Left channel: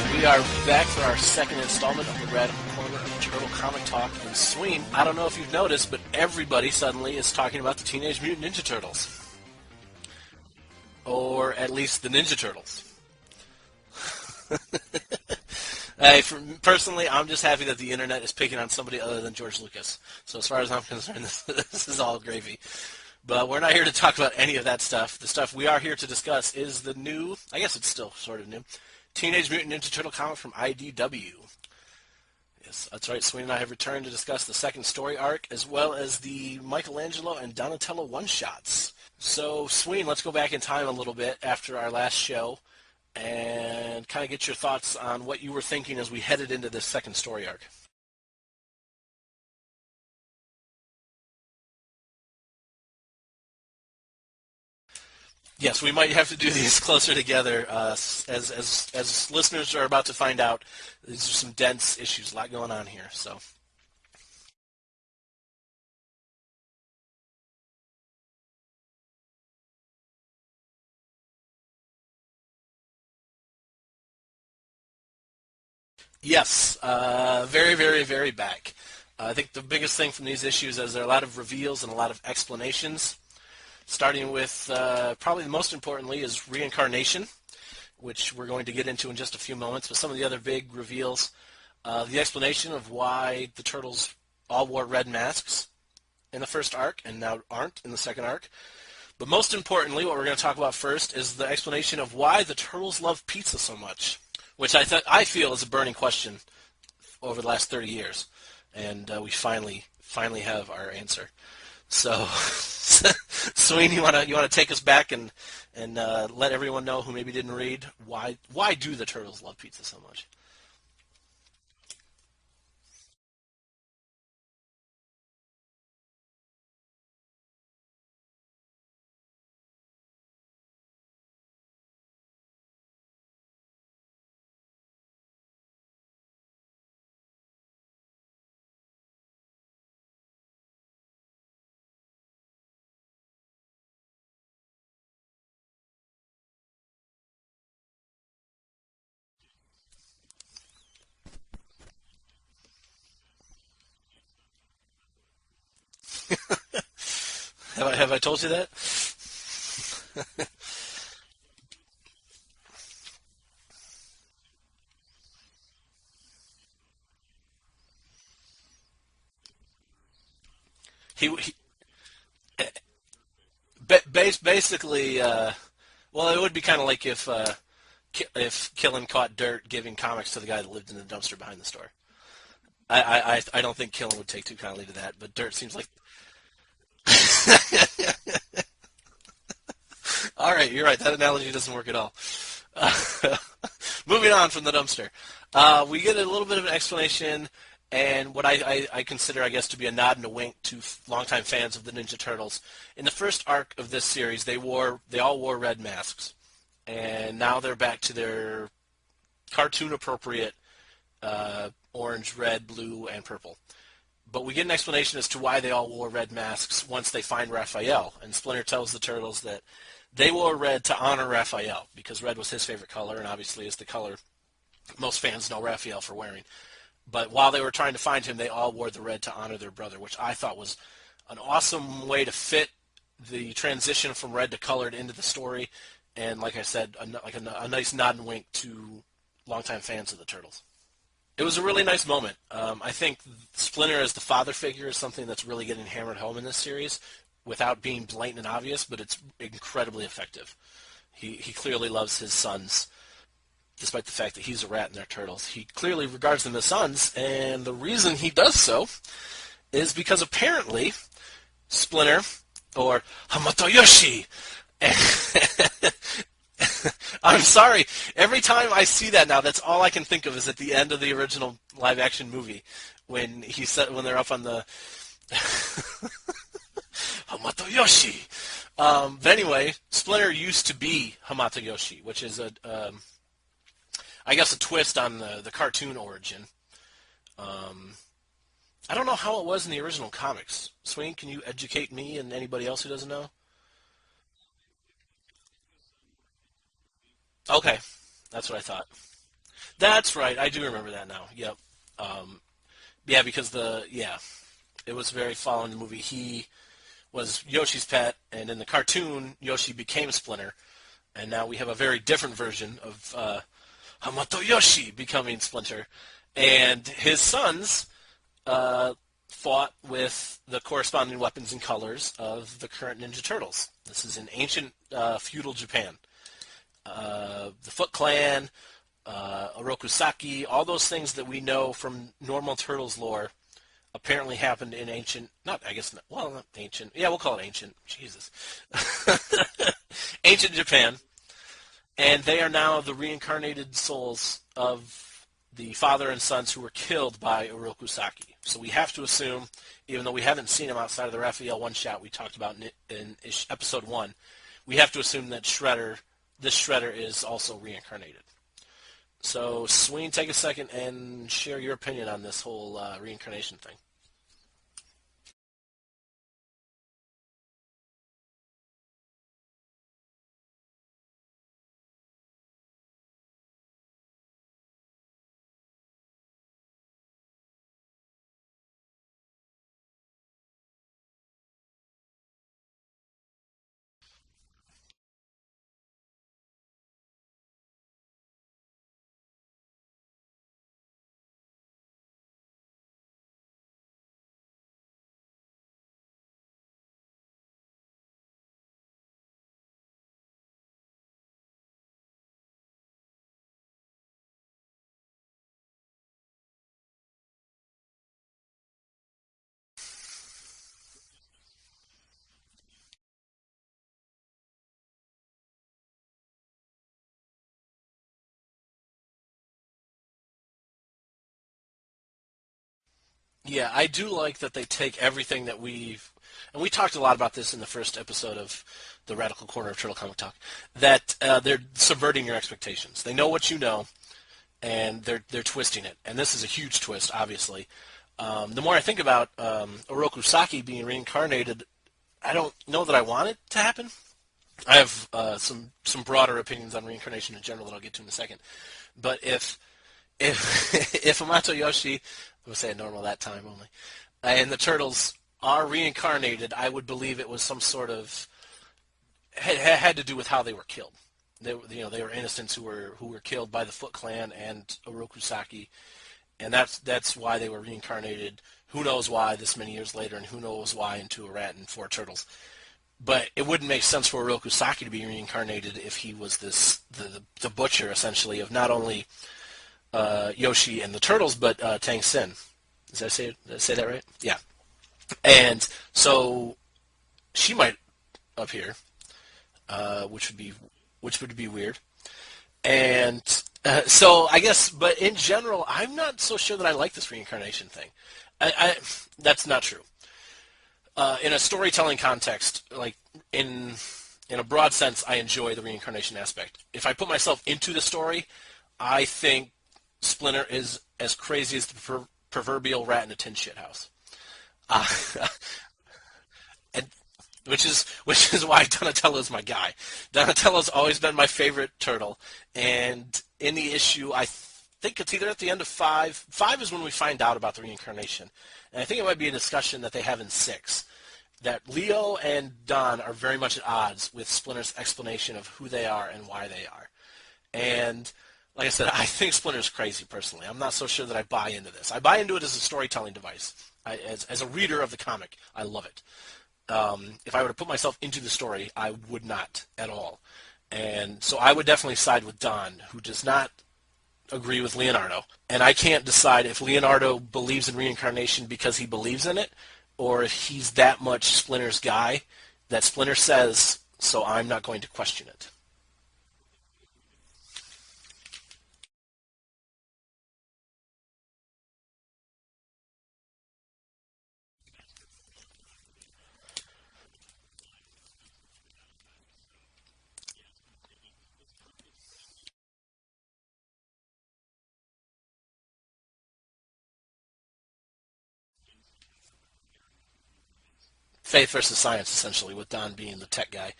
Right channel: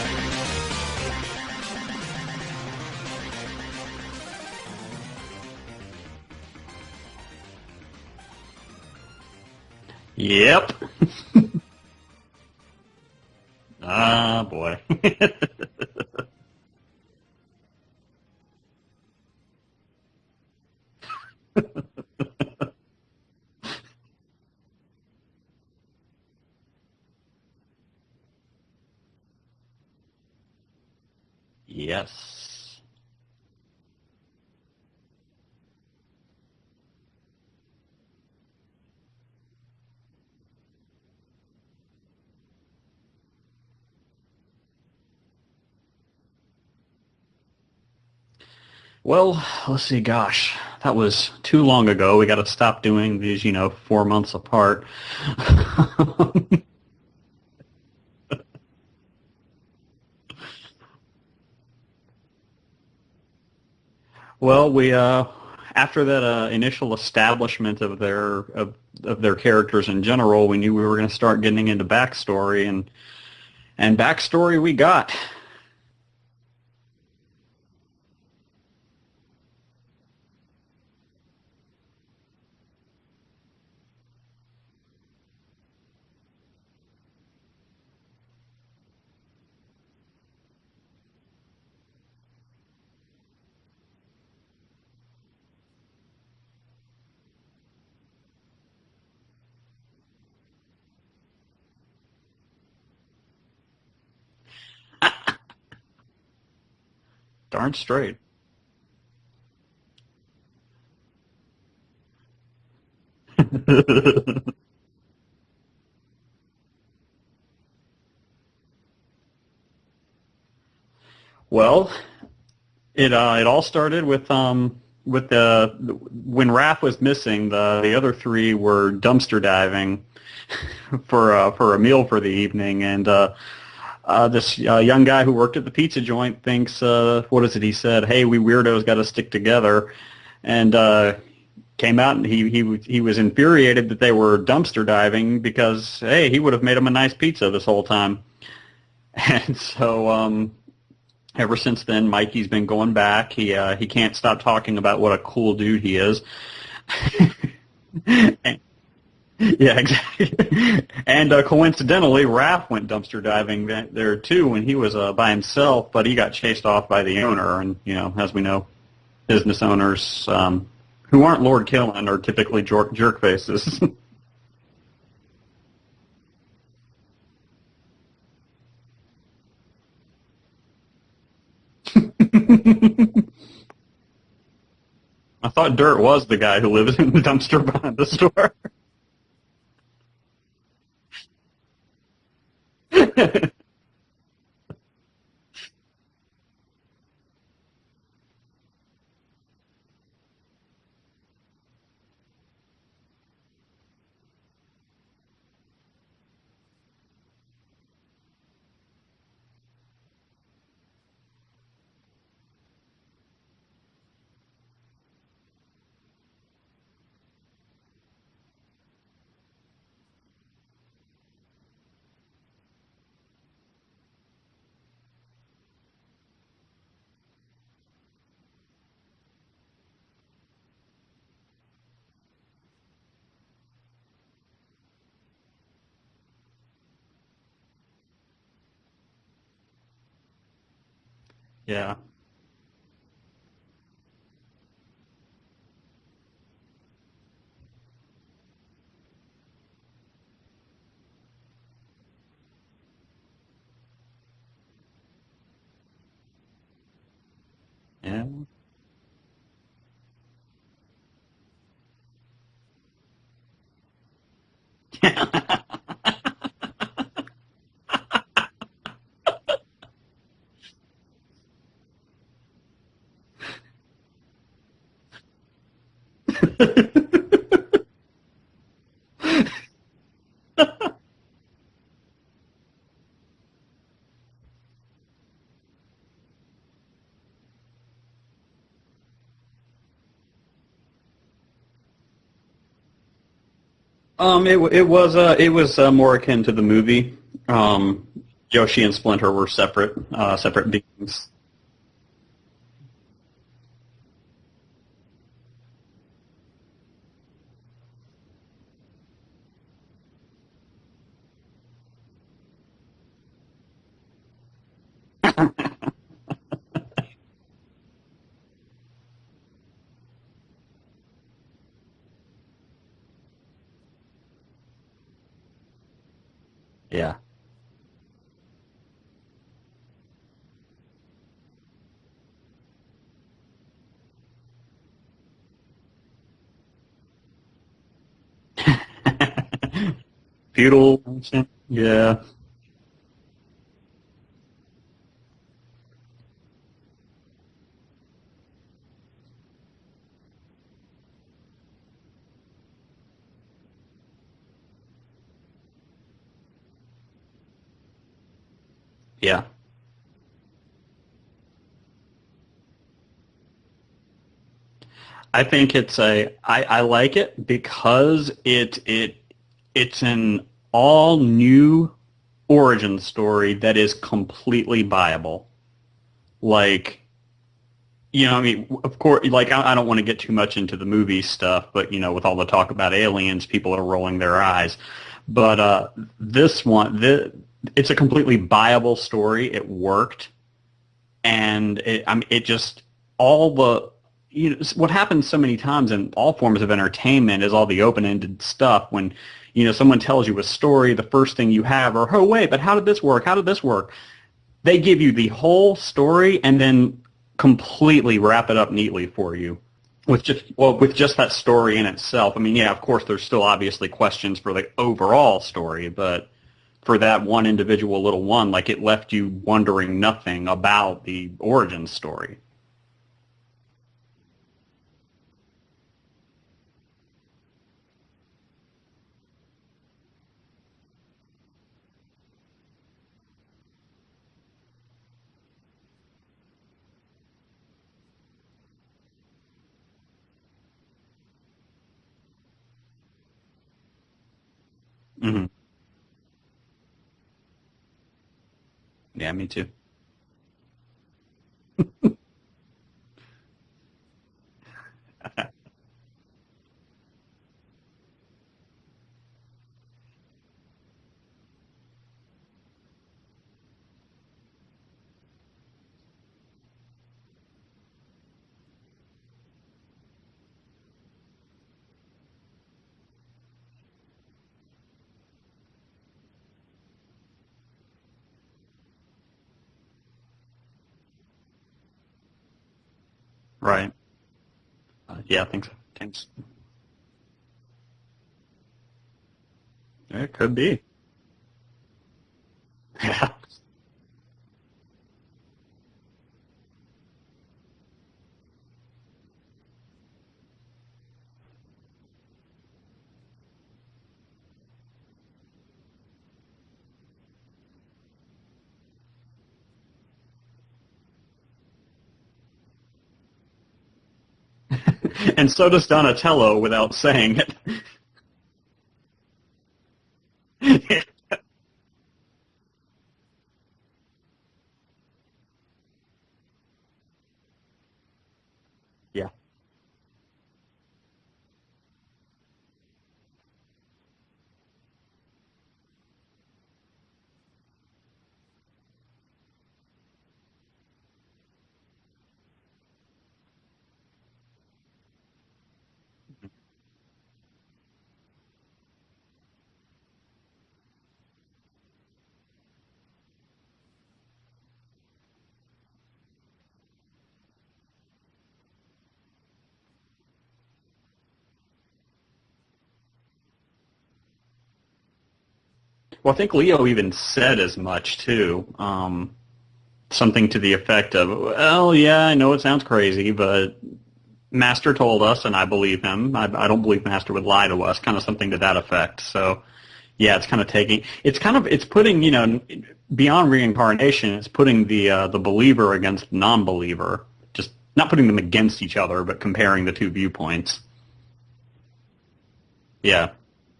We are back for our second installment of the Red Digital Comic Talk. And Sween, I don't know if you've noticed, but everybody suddenly is talking about the Teenage Mutant Ninja Turtles. Yep. Or at least the Ninja Turtles. Ah, boy. Personally, I'm just happy that the internet is picking on somebody other than George Lucas. So as far as I'm concerned, this is all gravy. But we're not here to talk about any of that stuff. The stuff we are here to discuss is the new, I guess it's still sort of new, Teenage Mutant Ninja Turtle comic from IDW. Yes. That's right. Sweeney and I have returned to discuss the second story arc as well as the Michelangelo and Donatello one-shots. So, Sweeney, let's go back in time a little bit after our last show and kind of get your thoughts on what you were thinking as we headed into this second story arc. Well, let's see, gosh, that was too long ago. We got to stop doing these, 4 months apart. Yes, we might have to do these closer together. As listeners are about to find out, these are some dense issues, a lot going on here. So, well, we after that initial establishment of their characters in general, we knew we were going to start getting into backstory, and backstory we got. Yes, very, very, very back. I think the biggest thing from these issues is there are a lot of reveals and a lot of explanations, starting with probably the most importantly is reincarnation, which we're going to get into in just a few moments, but some of the other big reveals, the explanation of why the Turtles all wore red masks in the first arc and now aren't in the second arc. But most importantly, what we're going to talk about first is the explanation of why the Turtles love pizza so much, which I feel is a burning question over the last 30 years. And we finally have our answer. So, Sweeney, you want to take us back and let everyone know who maybe didn't read why do the Turtles love pizza so much? Well, it all started with when Raph was missing, the other three were dumpster diving for a meal for the evening, and this young guy who worked at the pizza joint thinks, what is it he said? Hey, we weirdos got to stick together, and came out and he was infuriated that they were dumpster diving because, hey, he would have made him a nice pizza this whole time. And so ever since then, Mikey's been going back. He can't stop talking about what a cool dude he is. Have I told you that? Yeah, exactly. And coincidentally, Raph went dumpster diving there too when he was by himself, but he got chased off by the owner. And as we know, business owners who aren't Lord Killen are typically jerk faces. Basically, well, it would be kind of like if Killen caught Dirt giving comics to the guy that lived in the dumpster behind the store. I don't think Killen would take too kindly to that. But I thought Dirt was the guy who lived in the dumpster behind the store. All right, you're right. That analogy doesn't work at all. Moving on from the dumpster. We get a little bit of an explanation and what I consider, I guess, to be a nod and a wink to longtime fans of the Ninja Turtles. In the first arc of this series, they all wore red masks. And now they're back to their cartoon-appropriate orange, red, blue, and purple. But we get an explanation as to why they all wore red masks once they find Raphael. And Splinter tells the Turtles that they wore red to honor Raphael because red was his favorite color and obviously is the color most fans know Raphael for wearing. But while they were trying to find him, they all wore the red to honor their brother, which I thought was an awesome way to fit the transition from red to colored into the story. And like I said, a nice nod and wink to longtime fans of the Turtles. It was a really nice moment. I think Splinter as the father figure is something that's really getting hammered home in this series without being blatant and obvious, but it's incredibly effective. He clearly loves his sons, despite the fact that he's a rat and they're turtles. He clearly regards them as sons, and the reason he does so is because apparently Splinter, or Hamatoyoshi, I'm sorry. Every time I see that now, that's all I can think of is at the end of the original live-action movie when they're up on the Hamatoyoshi. But anyway, Splinter used to be Hamatoyoshi, which is I guess a twist on the cartoon origin. I don't know how it was in the original comics. Swain, can you educate me and anybody else who doesn't know? It was more akin to the movie. Okay. That's what I Yoshi thought. and Splinter were separate. That's right. I do Separate remember that beings. now. Yep. Yeah, because it was very following the movie. He was Yoshi's pet, and in the cartoon, Yoshi became Splinter, and now we have a very different version of Hamato Yoshi becoming Splinter, and his sons fought with the corresponding weapons and colors of the current Ninja Turtles. This is in ancient feudal Japan. Yeah. The Foot Clan, Orokusaki, all those things that we know from normal Turtles lore apparently happened in ancient, not ancient, yeah, we'll call it ancient, Jesus. Ancient Japan. Feudal. Yeah. And they are now the reincarnated souls of the father and sons who were killed by Orokusaki. So we have to assume, even though we haven't seen him outside of the Raphael one-shot we talked about in episode 1, we have to assume that this Shredder is also reincarnated. Yeah. So, Sween, take a second and share your opinion on this whole reincarnation thing. I think I like it because it's an all new origin story that is completely viable. Like, I mean, of course, like I don't want to get too much into the movie stuff, but with all the talk about aliens, people are rolling their eyes. But this one, it's a completely viable story. It worked, and it just all the what happens so many times in all forms of entertainment is all the open-ended stuff. When someone tells you a story, the first thing you have are, oh wait, but how did this work? How did this work? They give you the whole story and then completely wrap it up neatly for you with just that story in itself. I mean, yeah, of course, there's still obviously questions for the overall story, but for that one individual little one, like it left you wondering nothing about the origin story. Yeah, I do like that they take everything that and we talked a lot about this in the first episode of the Radical Corner of Turtle Comic Talk, that they're subverting your expectations. They know what you know, and they're twisting it. And this is a huge twist, obviously. The more I think about Orokusaki being reincarnated, I don't know that I want it to happen. I have some broader opinions on reincarnation in general that I'll get to in a second. But yeah, me too. if Hamato Yoshi, we'll say it normal that time only, and the Turtles are reincarnated, I would believe it was some sort of had to do with how they were killed. They were innocents who were killed by the Foot Clan and Orokusaki, and that's why they were reincarnated. Who knows why this many years later, and who knows why into a rat and 4 turtles. But it wouldn't make sense for Orokusaki to be reincarnated if he was the butcher, essentially, of not only Yoshi and the Turtles, but Tang Sin. Did I say that right? Yeah. And so she might appear. Which could be. Which would be weird. And so I guess, but in general, I'm not so sure that I like this reincarnation thing. That's not true. In a storytelling context, like in a broad sense, I enjoy the reincarnation aspect. If I put myself into the story, I think Splinter is as crazy as the proverbial rat in a tin shit house. And so does Donatello without saying it. Which is why Donatello's my guy. Donatello's always been my favorite turtle. And in the issue, I think it's either at the end of 5. 5 is when we find out about the reincarnation. And I think it might be a discussion that they have in 6. That Leo and Don are very much at odds with Splinter's explanation of who they are and why they are. And like I said, I think Splinter's crazy personally. I'm not so sure that I buy into this. I buy into it as a storytelling device. As a reader of the comic, I love it. If I were to put myself into the story, I would not at all. And so I would definitely side with Don, who does not agree with Leonardo. And I can't decide if Leonardo believes in reincarnation because he believes in it, or if he's that much Splinter's guy that Splinter says, so I'm not going to question it. Well, I think Leo even said as much, too. Something to the effect of, well, yeah, I know it sounds crazy, but Master told us, and I believe him. I don't believe Master would lie to us, kind of something to that effect. So, yeah, it's kind of it's putting, beyond reincarnation, it's putting the believer against non-believer. Just not putting them against each other, but comparing the two viewpoints. Faith versus science, essentially, with Don being a tech guy.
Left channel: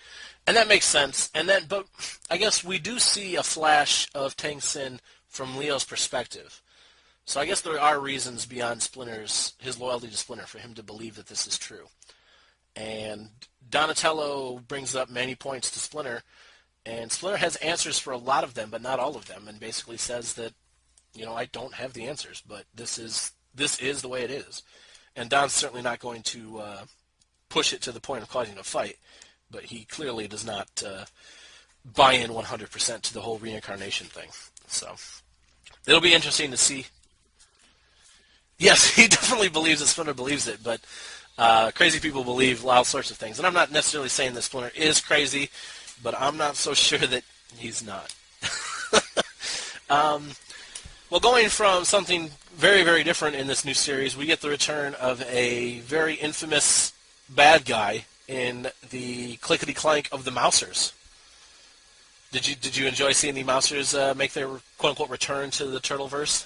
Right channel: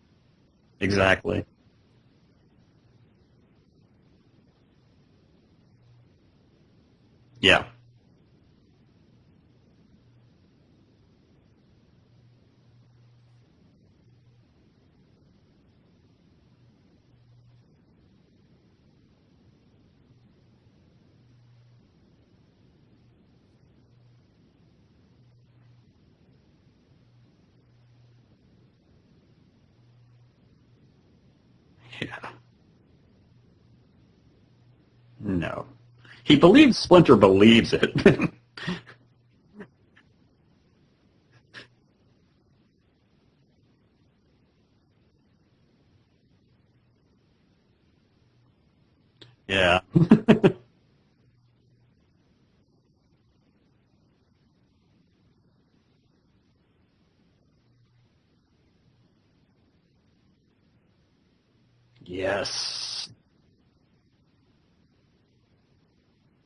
And that makes sense. Exactly. But I guess we do see a flash of Tang Sin from Leo's perspective. So I guess Yeah. there are reasons beyond his loyalty to Splinter for him to believe that this is true. And Donatello brings up many points to Splinter, and Splinter has answers for a lot of them, but not all of them, and basically says that, I don't have the answers, but this is the way it is. And Don's certainly not going to push it to the point of causing a fight, but he clearly does not buy in 100% to the whole reincarnation thing. So No. it'll be He interesting to believes see. Splinter believes it. Yes, he definitely believes that Splinter believes it, but crazy people believe all sorts of things. And I'm not necessarily saying that Splinter is crazy, but I'm not so sure that he's not. Yeah. Well, going from something very, very different in this new series, we get the return of a very infamous bad guy in the Clickety Clank of the Mousers. Yes. Did you enjoy seeing the Mousers make their quote-unquote return to the Turtleverse?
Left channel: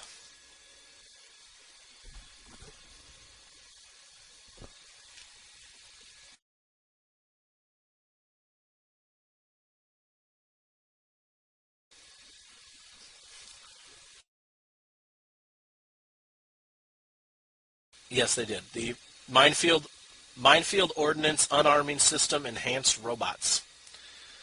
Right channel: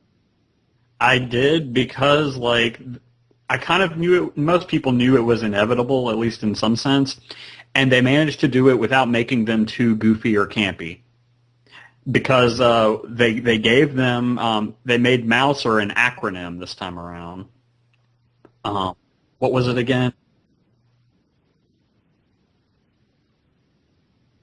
I did because, I kind of knew it. Most people knew it was inevitable, at least in some sense, and they managed to do it without making them too goofy or campy. Because they gave them they made Mouser an acronym this time around. Yes, they did. What was it again? Minefield Ordnance Unarming System Enhanced Robots.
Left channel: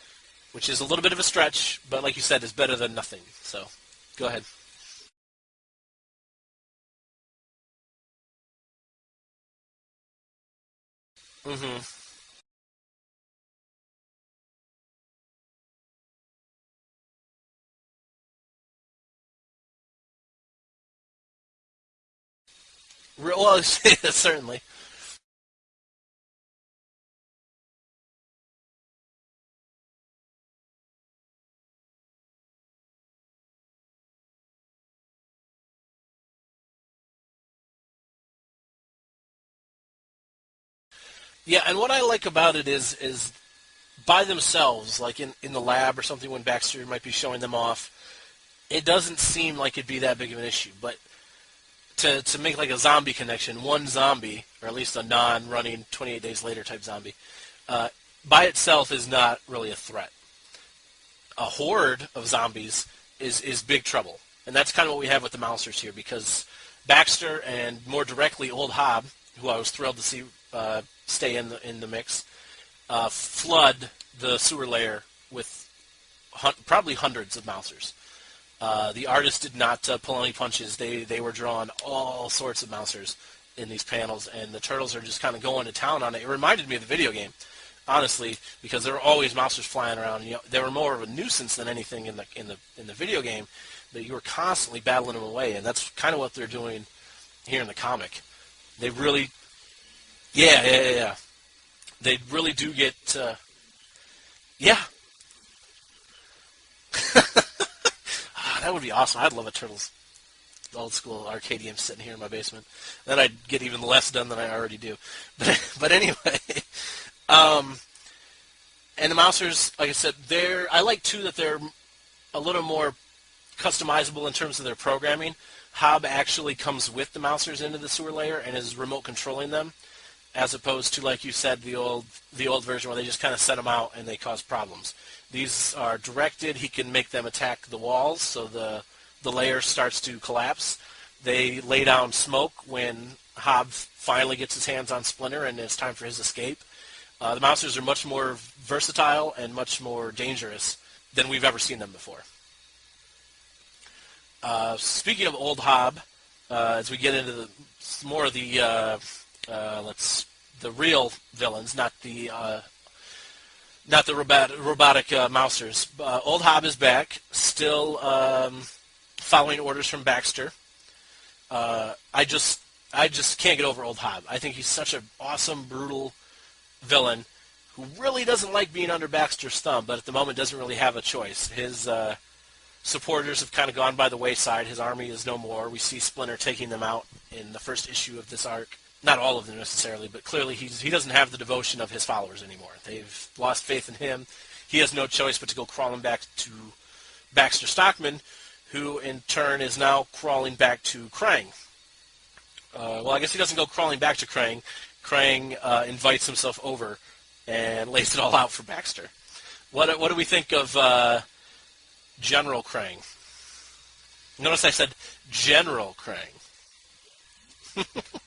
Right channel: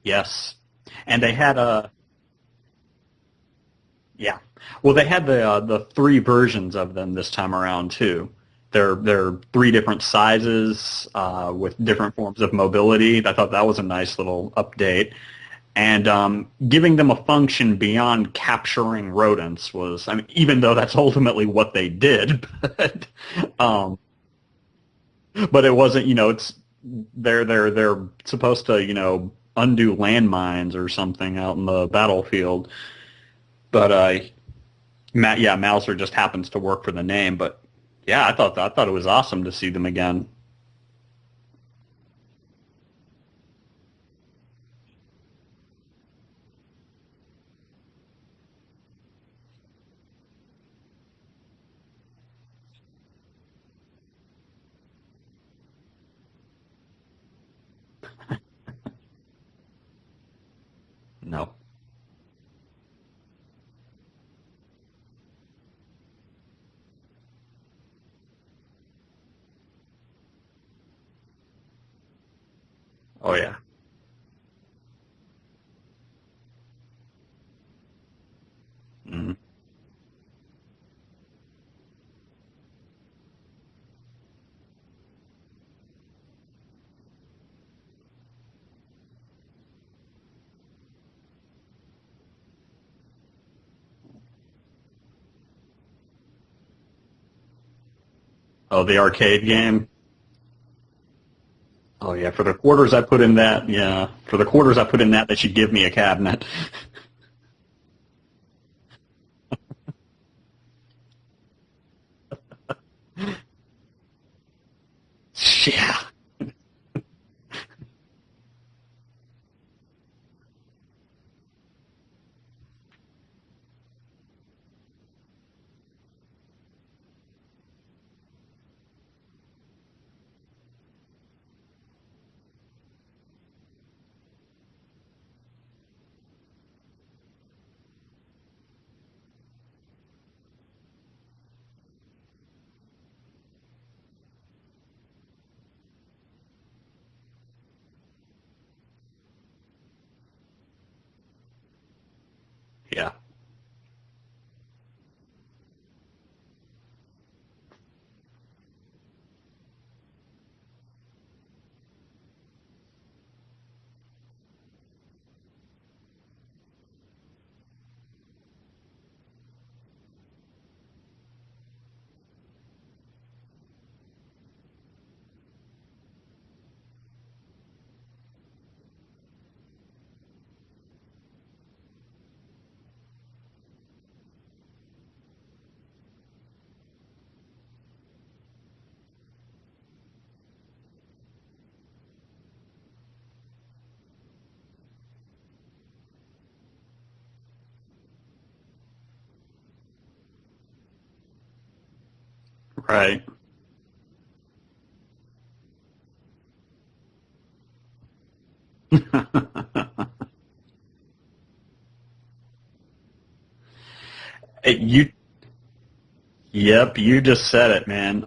Yes. Which is a little bit And of a they stretch, had but like you said, it's better than nothing. So, go ahead. Well, they had the 3 versions of them this time around too. They're 3 different sizes with different forms of mobility. I thought that was a nice little update. And giving them a function beyond capturing rodents was, even though that's ultimately what they did, Well, certainly. but it wasn't, they're supposed to, undo landmines or something out in the battlefield. But Mouser just happens to work for the name. But yeah, I thought it was awesome to see them again. Yeah, and what I like about it is by themselves, like in the lab or something when Baxter might be showing them off, it doesn't seem like it'd be that big of an issue. But to make like a zombie connection, one zombie, or at least a non-running 28 Days Later type zombie, by itself is not really a threat. No. A horde of zombies is big trouble. And that's kind of what we have with the Mousers here, because Baxter and more directly Old Hob, who I was thrilled to see stay in the mix, flood the sewer layer with probably hundreds of Mousers. The artists did not pull any punches. They were drawing all sorts of Mousers in these panels, and the Turtles are just kind of going to town on it. It reminded me of the video game, honestly, because there were always Mousers flying around. They were more of a nuisance than anything in the video game. That you were constantly battling them away, and that's kind of what they're doing here in the comic. Oh, the arcade game? Yeah. Oh, yeah, for the quarters I put in that, I put in that, they should give me a cabinet. That would be awesome. I'd love a Turtles old school arcade game sitting here in my basement. Then I'd get even less done than I already do. But anyway, and the Mousers, like I said, I like, too, that they're a little more customizable in terms of their programming. Hob actually comes with the Mousers into the sewer layer and is remote controlling them, as opposed to, like you said, the old version where they just kind of set them out and they cause problems. These are directed. He can make them attack the walls, so the layer starts to collapse. They lay down smoke when Hob finally gets his hands on Splinter and it's time for his escape. The Mousers are much more versatile and much more dangerous than we've ever seen them before. Yeah. Speaking of Old Hob, as we get into more of the real villains, not the robotic Mousers. Old Hob is back, still following orders from Baxter. I just can't get over Old Hob. I think he's such an awesome, brutal villain who really doesn't like being under Baxter's thumb, but at the moment doesn't really have a choice. His supporters have kind of gone by the wayside. His army is no more. We see Splinter taking them out in the first issue of this arc. Not all of them necessarily, but clearly he doesn't have the devotion of his followers anymore. They've lost faith in him. He has no choice but to go crawling back to Baxter Stockman, who in turn is now crawling back to Krang. Right. Well, I guess he doesn't go crawling back to Krang. Krang invites himself over and lays it all out for Baxter. What do we think of General Krang? Notice I said General Krang. Yep, you just said it, man.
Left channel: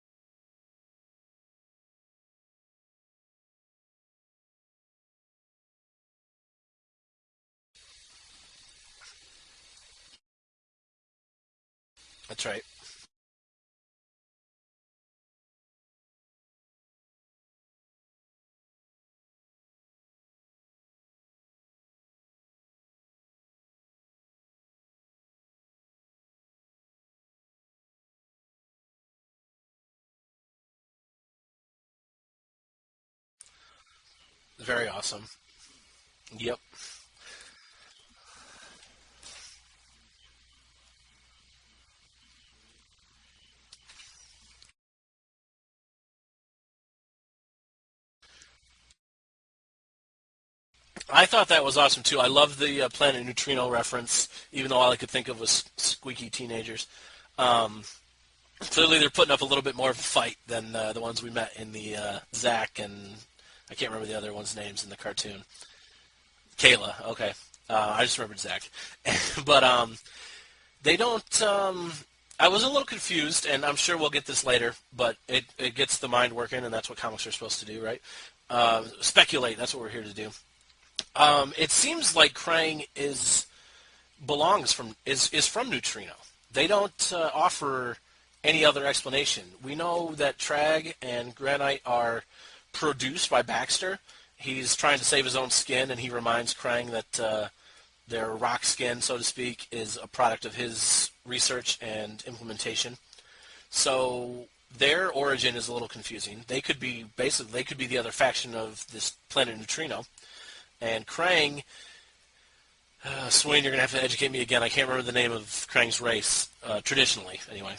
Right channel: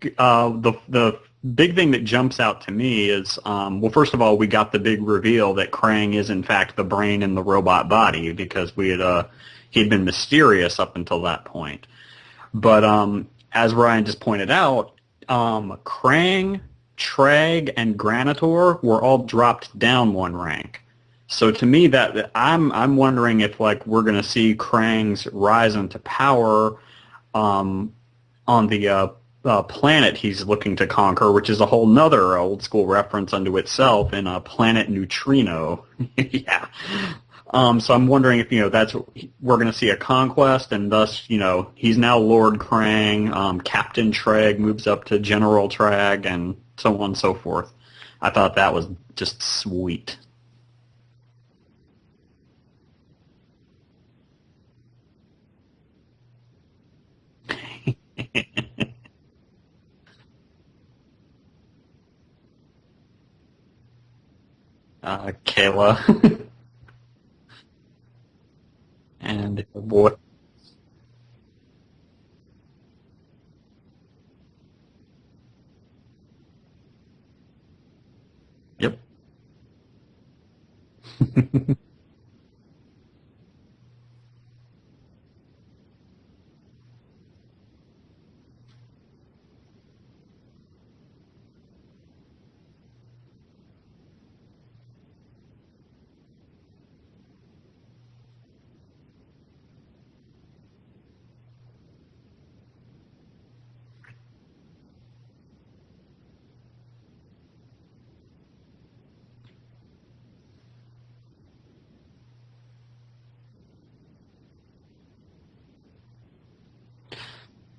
The big thing that jumps out to me is, well, first of all, we got the big reveal that Krang is in fact the brain in the robot body, because he'd been mysterious up until that point. That's right. But as Ryan just pointed out, Krang, Treg, and Granitor were all dropped down one rank. So to me, that I'm wondering if we're going to see Krang's rise into power on the planet he's looking to conquer, which is a whole nother old school reference unto itself in Planet Neutrino. Yeah. So I'm wondering if we're going to see a conquest, and thus he's now Lord Krang. Captain Treg moves up to General Treg, and so on and so forth. I thought that was just sweet. I thought that was awesome too. I love the Planet Neutrino reference, even though all I could think of was squeaky teenagers. Clearly, they're putting up a little bit more of a fight than the ones we met in the Zach and I can't remember the other one's names in the cartoon. Kayla. Kayla. Okay. I just remembered Zach. But they don't. I was a little confused, and I'm sure we'll get this later. But it gets the mind working, and that's what comics are supposed to do, right? Yep. Speculate. That's what we're here to do. It seems like Krang is from Neutrino. They don't offer any other explanation. We know that Trag and Granite are produced by Baxter. He's trying to save his own skin, and he reminds Krang that their rock skin, so to speak, is a product of his research and implementation. So their origin is a little confusing. They could be the other faction of this Planet Neutrino. And Krang, Swain, you're going to have to educate me again. I can't remember the name of Krang's race, traditionally, anyway.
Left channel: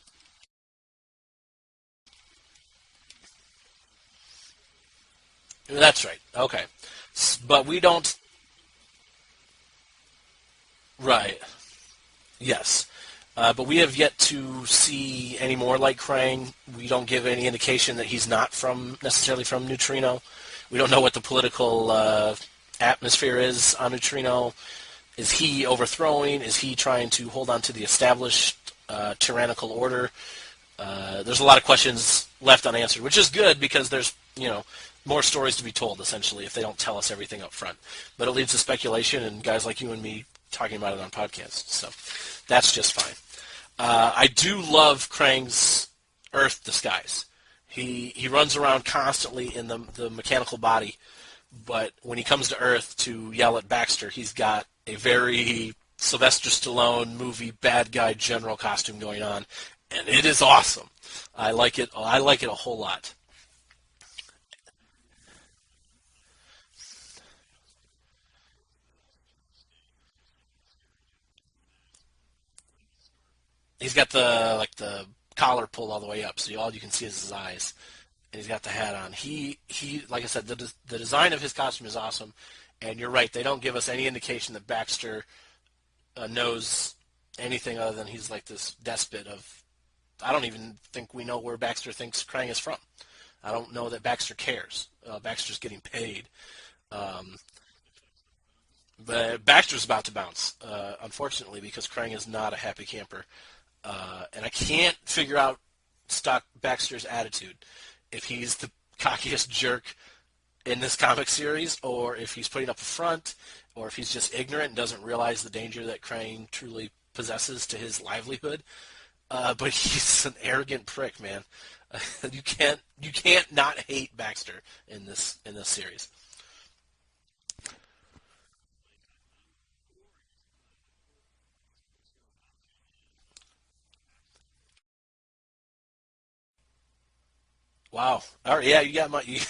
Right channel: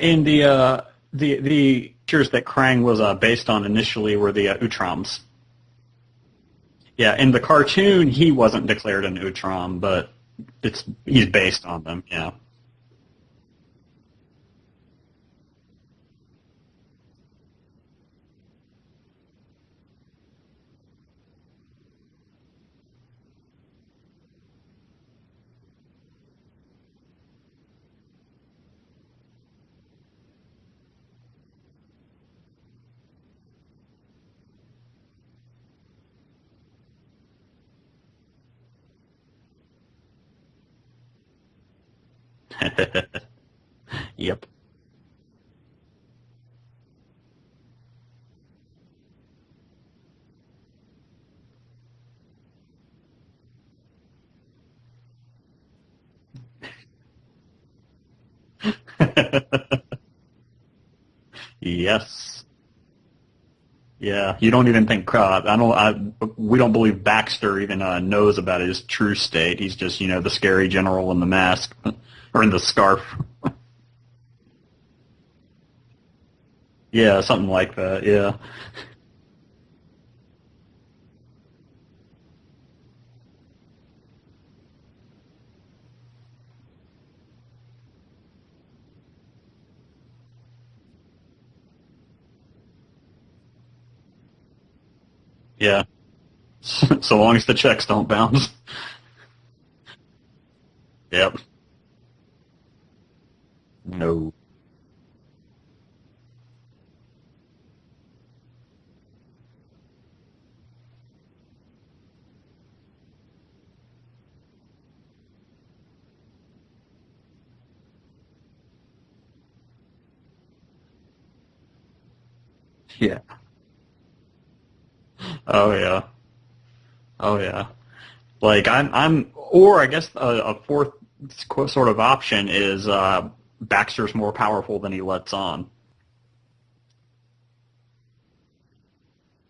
In the creatures that Krang was based on initially were the Utroms. That's right. Okay. Yeah, in the cartoon, he wasn't declared an Utrom, but he's based on them, yeah. Yes. But we have yet to see any more like Krang. We don't give any indication that he's not necessarily from Neutrino. We don't know what the political atmosphere is on Neutrino. Is he overthrowing? Is he trying to hold on to the established tyrannical order? There's a lot of questions left unanswered, which is good because there's, more stories to be told, essentially, if they don't tell us everything up front. But it leads to speculation and guys like you and me talking about it on podcasts. So that's just fine. I do love Krang's Earth disguise. He runs around constantly in the mechanical body, but when he comes to Earth to yell at Baxter, he's got a very Sylvester Stallone movie bad guy general costume going on, and it is awesome. I like it. I like it a whole lot. Yeah, you don't even think we don't believe Baxter even knows about his true state. He's just the scary general in the mask or in the scarf. He's got the collar pulled all the way up, so all you can see. Yeah, something like that. Yeah. He's got the hat on. He like I said, the design of his costume is awesome, and you're right. They don't give us any indication that Baxter knows anything other than he's like this despot of. I don't even think we know where Baxter thinks Krang is from. I don't know that Baxter cares. Baxter's getting paid. So long as the checks don't bounce. But Baxter's about to bounce, unfortunately, because Krang is not a happy camper. No. And I can't figure out Baxter's attitude. If he's the cockiest jerk in this comic series, or if he's putting up a front, or if he's just ignorant and doesn't realize the danger that Krang truly possesses to his livelihood. But he's an arrogant prick, man. You can't not hate Baxter in this. Yeah. Oh yeah. Like or I guess a fourth sort of option is Baxter's more powerful than he lets on. Wow. All right, yeah, you got you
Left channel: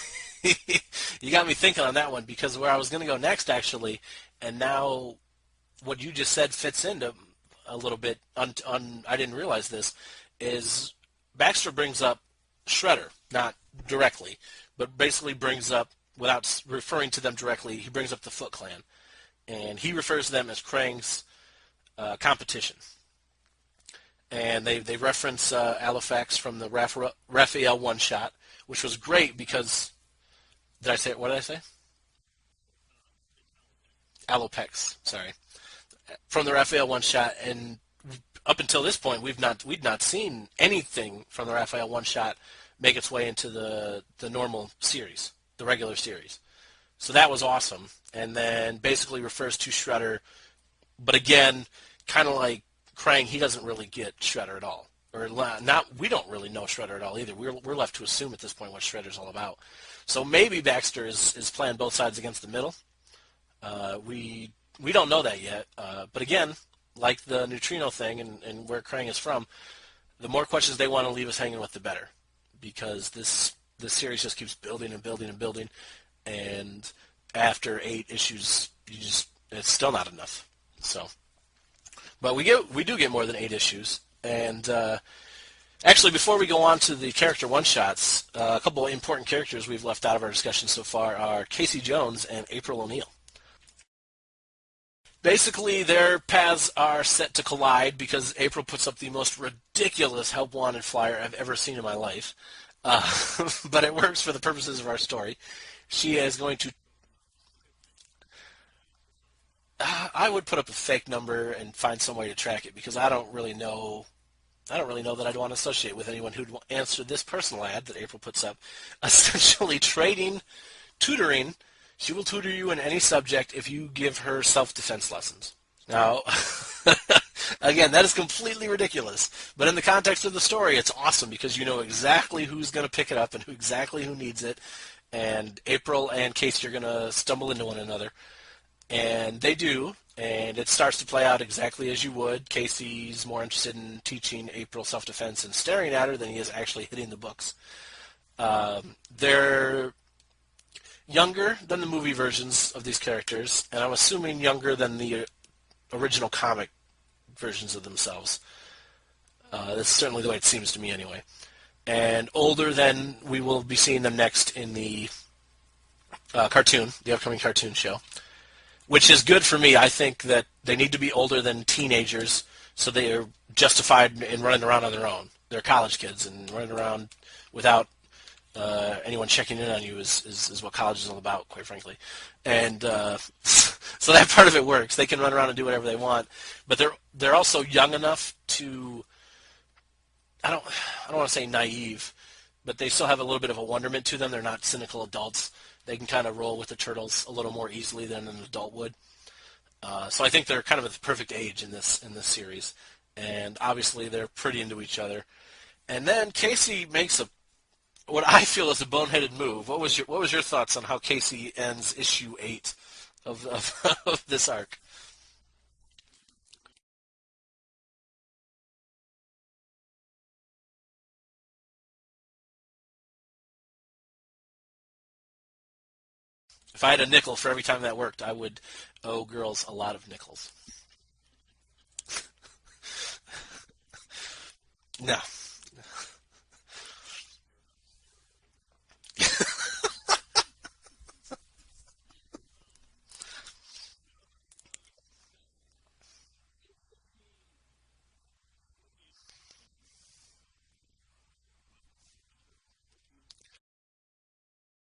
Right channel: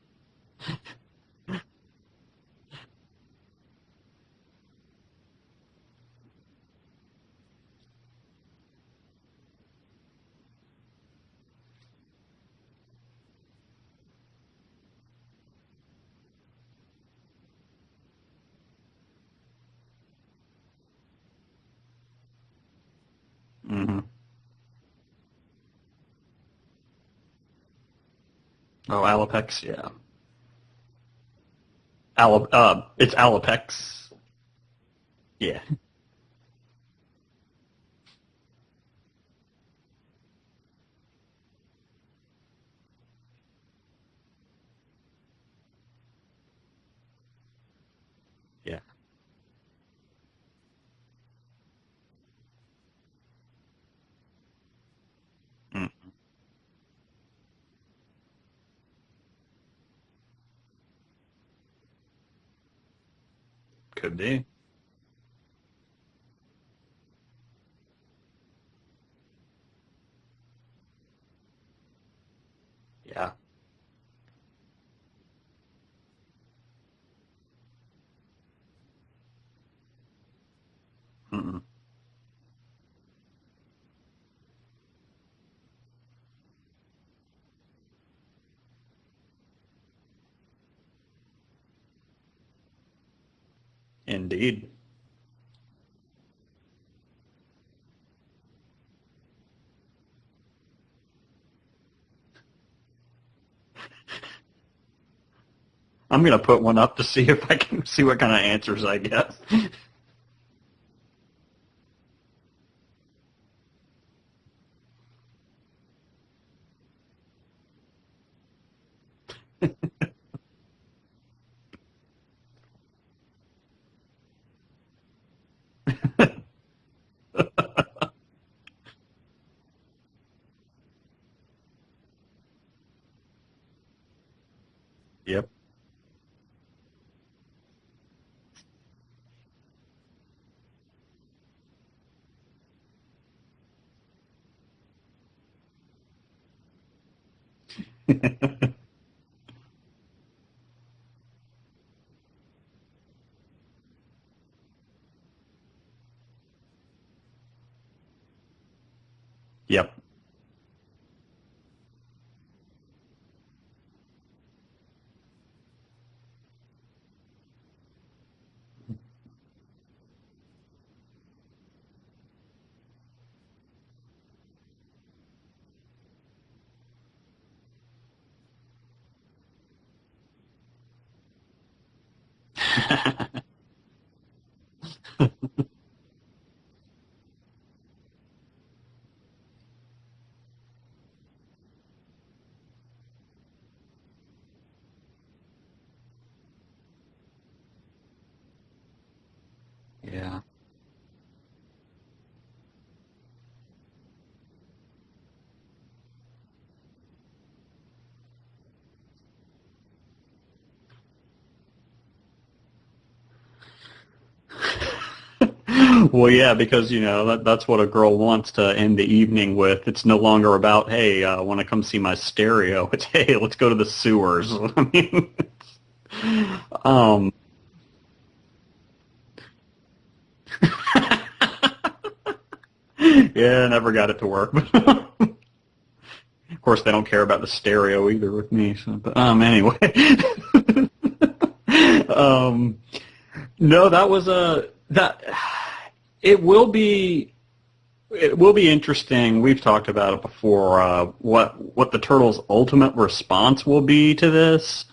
got me thinking on that one, because where I was going to go next, actually, and now what you just said fits into a little bit. I didn't realize this is Baxter brings up Shredder, not directly, but basically brings up, without referring to them directly, he brings up the Foot Clan, and he refers to them as Krang's competition. Mm-hmm. And they reference Alifax from the Raphael one-shot, which was Oh, great Alopex, because did I say what did I say? It's Alopex. Alopex, sorry. Yeah. From the Raphael one shot, and up until this point, we'd not seen anything from the Raphael one shot make its way into the normal series, the regular series. So that was awesome, and then basically refers to Shredder, but again, kind of like Krang, he doesn't really get Shredder at all, or not. We don't really know Shredder at all either. We're left to assume at this point what Shredder's all about. So maybe Baxter is playing both sides against the middle. Could be. We don't know that yet, but again, like the neutrino thing and where Krang is from, the more questions they want to leave us hanging with, the better, because this series just keeps building and building and building, and after 8 issues, it's still not enough. So, but we do get more than 8 issues, and actually, before we go on to the character one-shots, a couple of important characters we've left out of our discussion so far are Casey Jones and April O'Neil. Indeed. Basically, their paths are set to collide because April puts up the most ridiculous help wanted flyer I've ever seen in my life. But it works for the purposes of our story. I'm going to put one up to see if I can see what kind of answers I get. I would put up a fake number and find some way to track it because I don't really know that I'd want to associate with anyone who'd answer this personal ad that April puts up. Essentially tutoring. She will tutor you in any subject if you give her self-defense lessons. Now, again, that is completely ridiculous. But in the context of the story, it's awesome because you know exactly who's going to pick it up and exactly who needs it. And April and Casey are going to stumble into one another. And they do. And it starts to play out exactly as you would. Casey's more interested in teaching April self-defense and staring at her than he is actually hitting the books. They're younger than the movie versions of these characters, and I'm assuming younger than the original comic versions of themselves. That's certainly the way it seems to me anyway. And older than we will be seeing them next in the cartoon, the upcoming cartoon show, which is good for me. I think that they need to be older than teenagers so they are justified in running around on their own. They're college kids, and running around without anyone checking in on you is what college is all about, quite frankly. And so that part of it works. They can run around and do whatever they want, but they're also young enough to, I don't want to say naive, but they still have a little bit of a wonderment to them. They're not cynical adults. They can kind of roll with the turtles a little more easily than an adult would. So I think they're kind of at the perfect age in this series, and obviously they're pretty into each other. And then Casey makes what I feel is a boneheaded move. What was your thoughts on how Casey ends issue 8 of this arc? Well, yeah, because that's what a girl wants to end the evening with. It's no longer about, hey, I want to come see my stereo. It's, hey, let's go to the sewers. I mean, if I had a nickel for every time that worked, I would owe girls a lot of nickels. Yeah, never got it to work. No. Of course, they don't care about the stereo either with me. So, but anyway, no, that was that. It will be interesting. We've talked about it before. What the Turtles' ultimate response will be to this.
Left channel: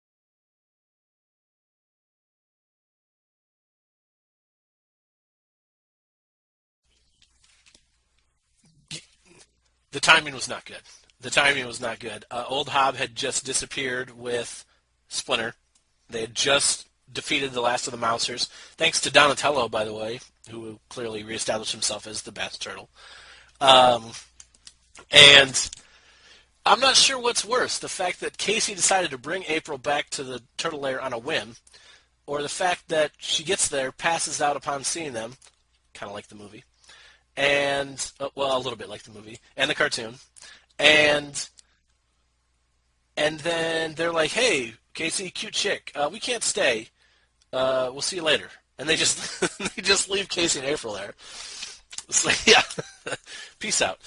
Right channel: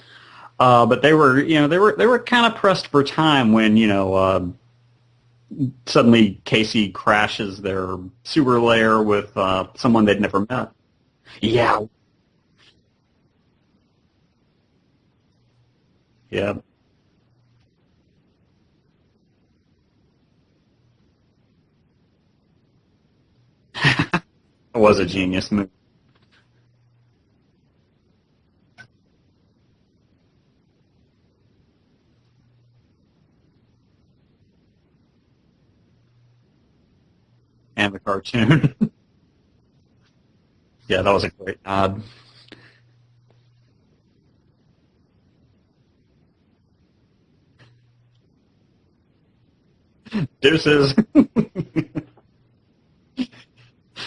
But they were kind of pressed for time when suddenly Casey crashes their sewer lair with someone they've never met. The timing was not good. Old Hob had just disappeared with Splinter. They had just defeated the last of the Mousers, thanks to Donatello, by the way, who clearly reestablished himself as the best turtle. Was a genius move. I'm not sure what's worse, the fact that Casey decided to bring April back to the turtle lair on a whim, or the fact that she gets there, passes out upon seeing them, kind of like the movie, and the cartoon. Well, a little bit like the movie, and the cartoon. And, that was a great nod. And then they're like, hey, Casey, cute chick, we can't stay. We'll see you later. And they just leave Casey there. So, yeah, peace out.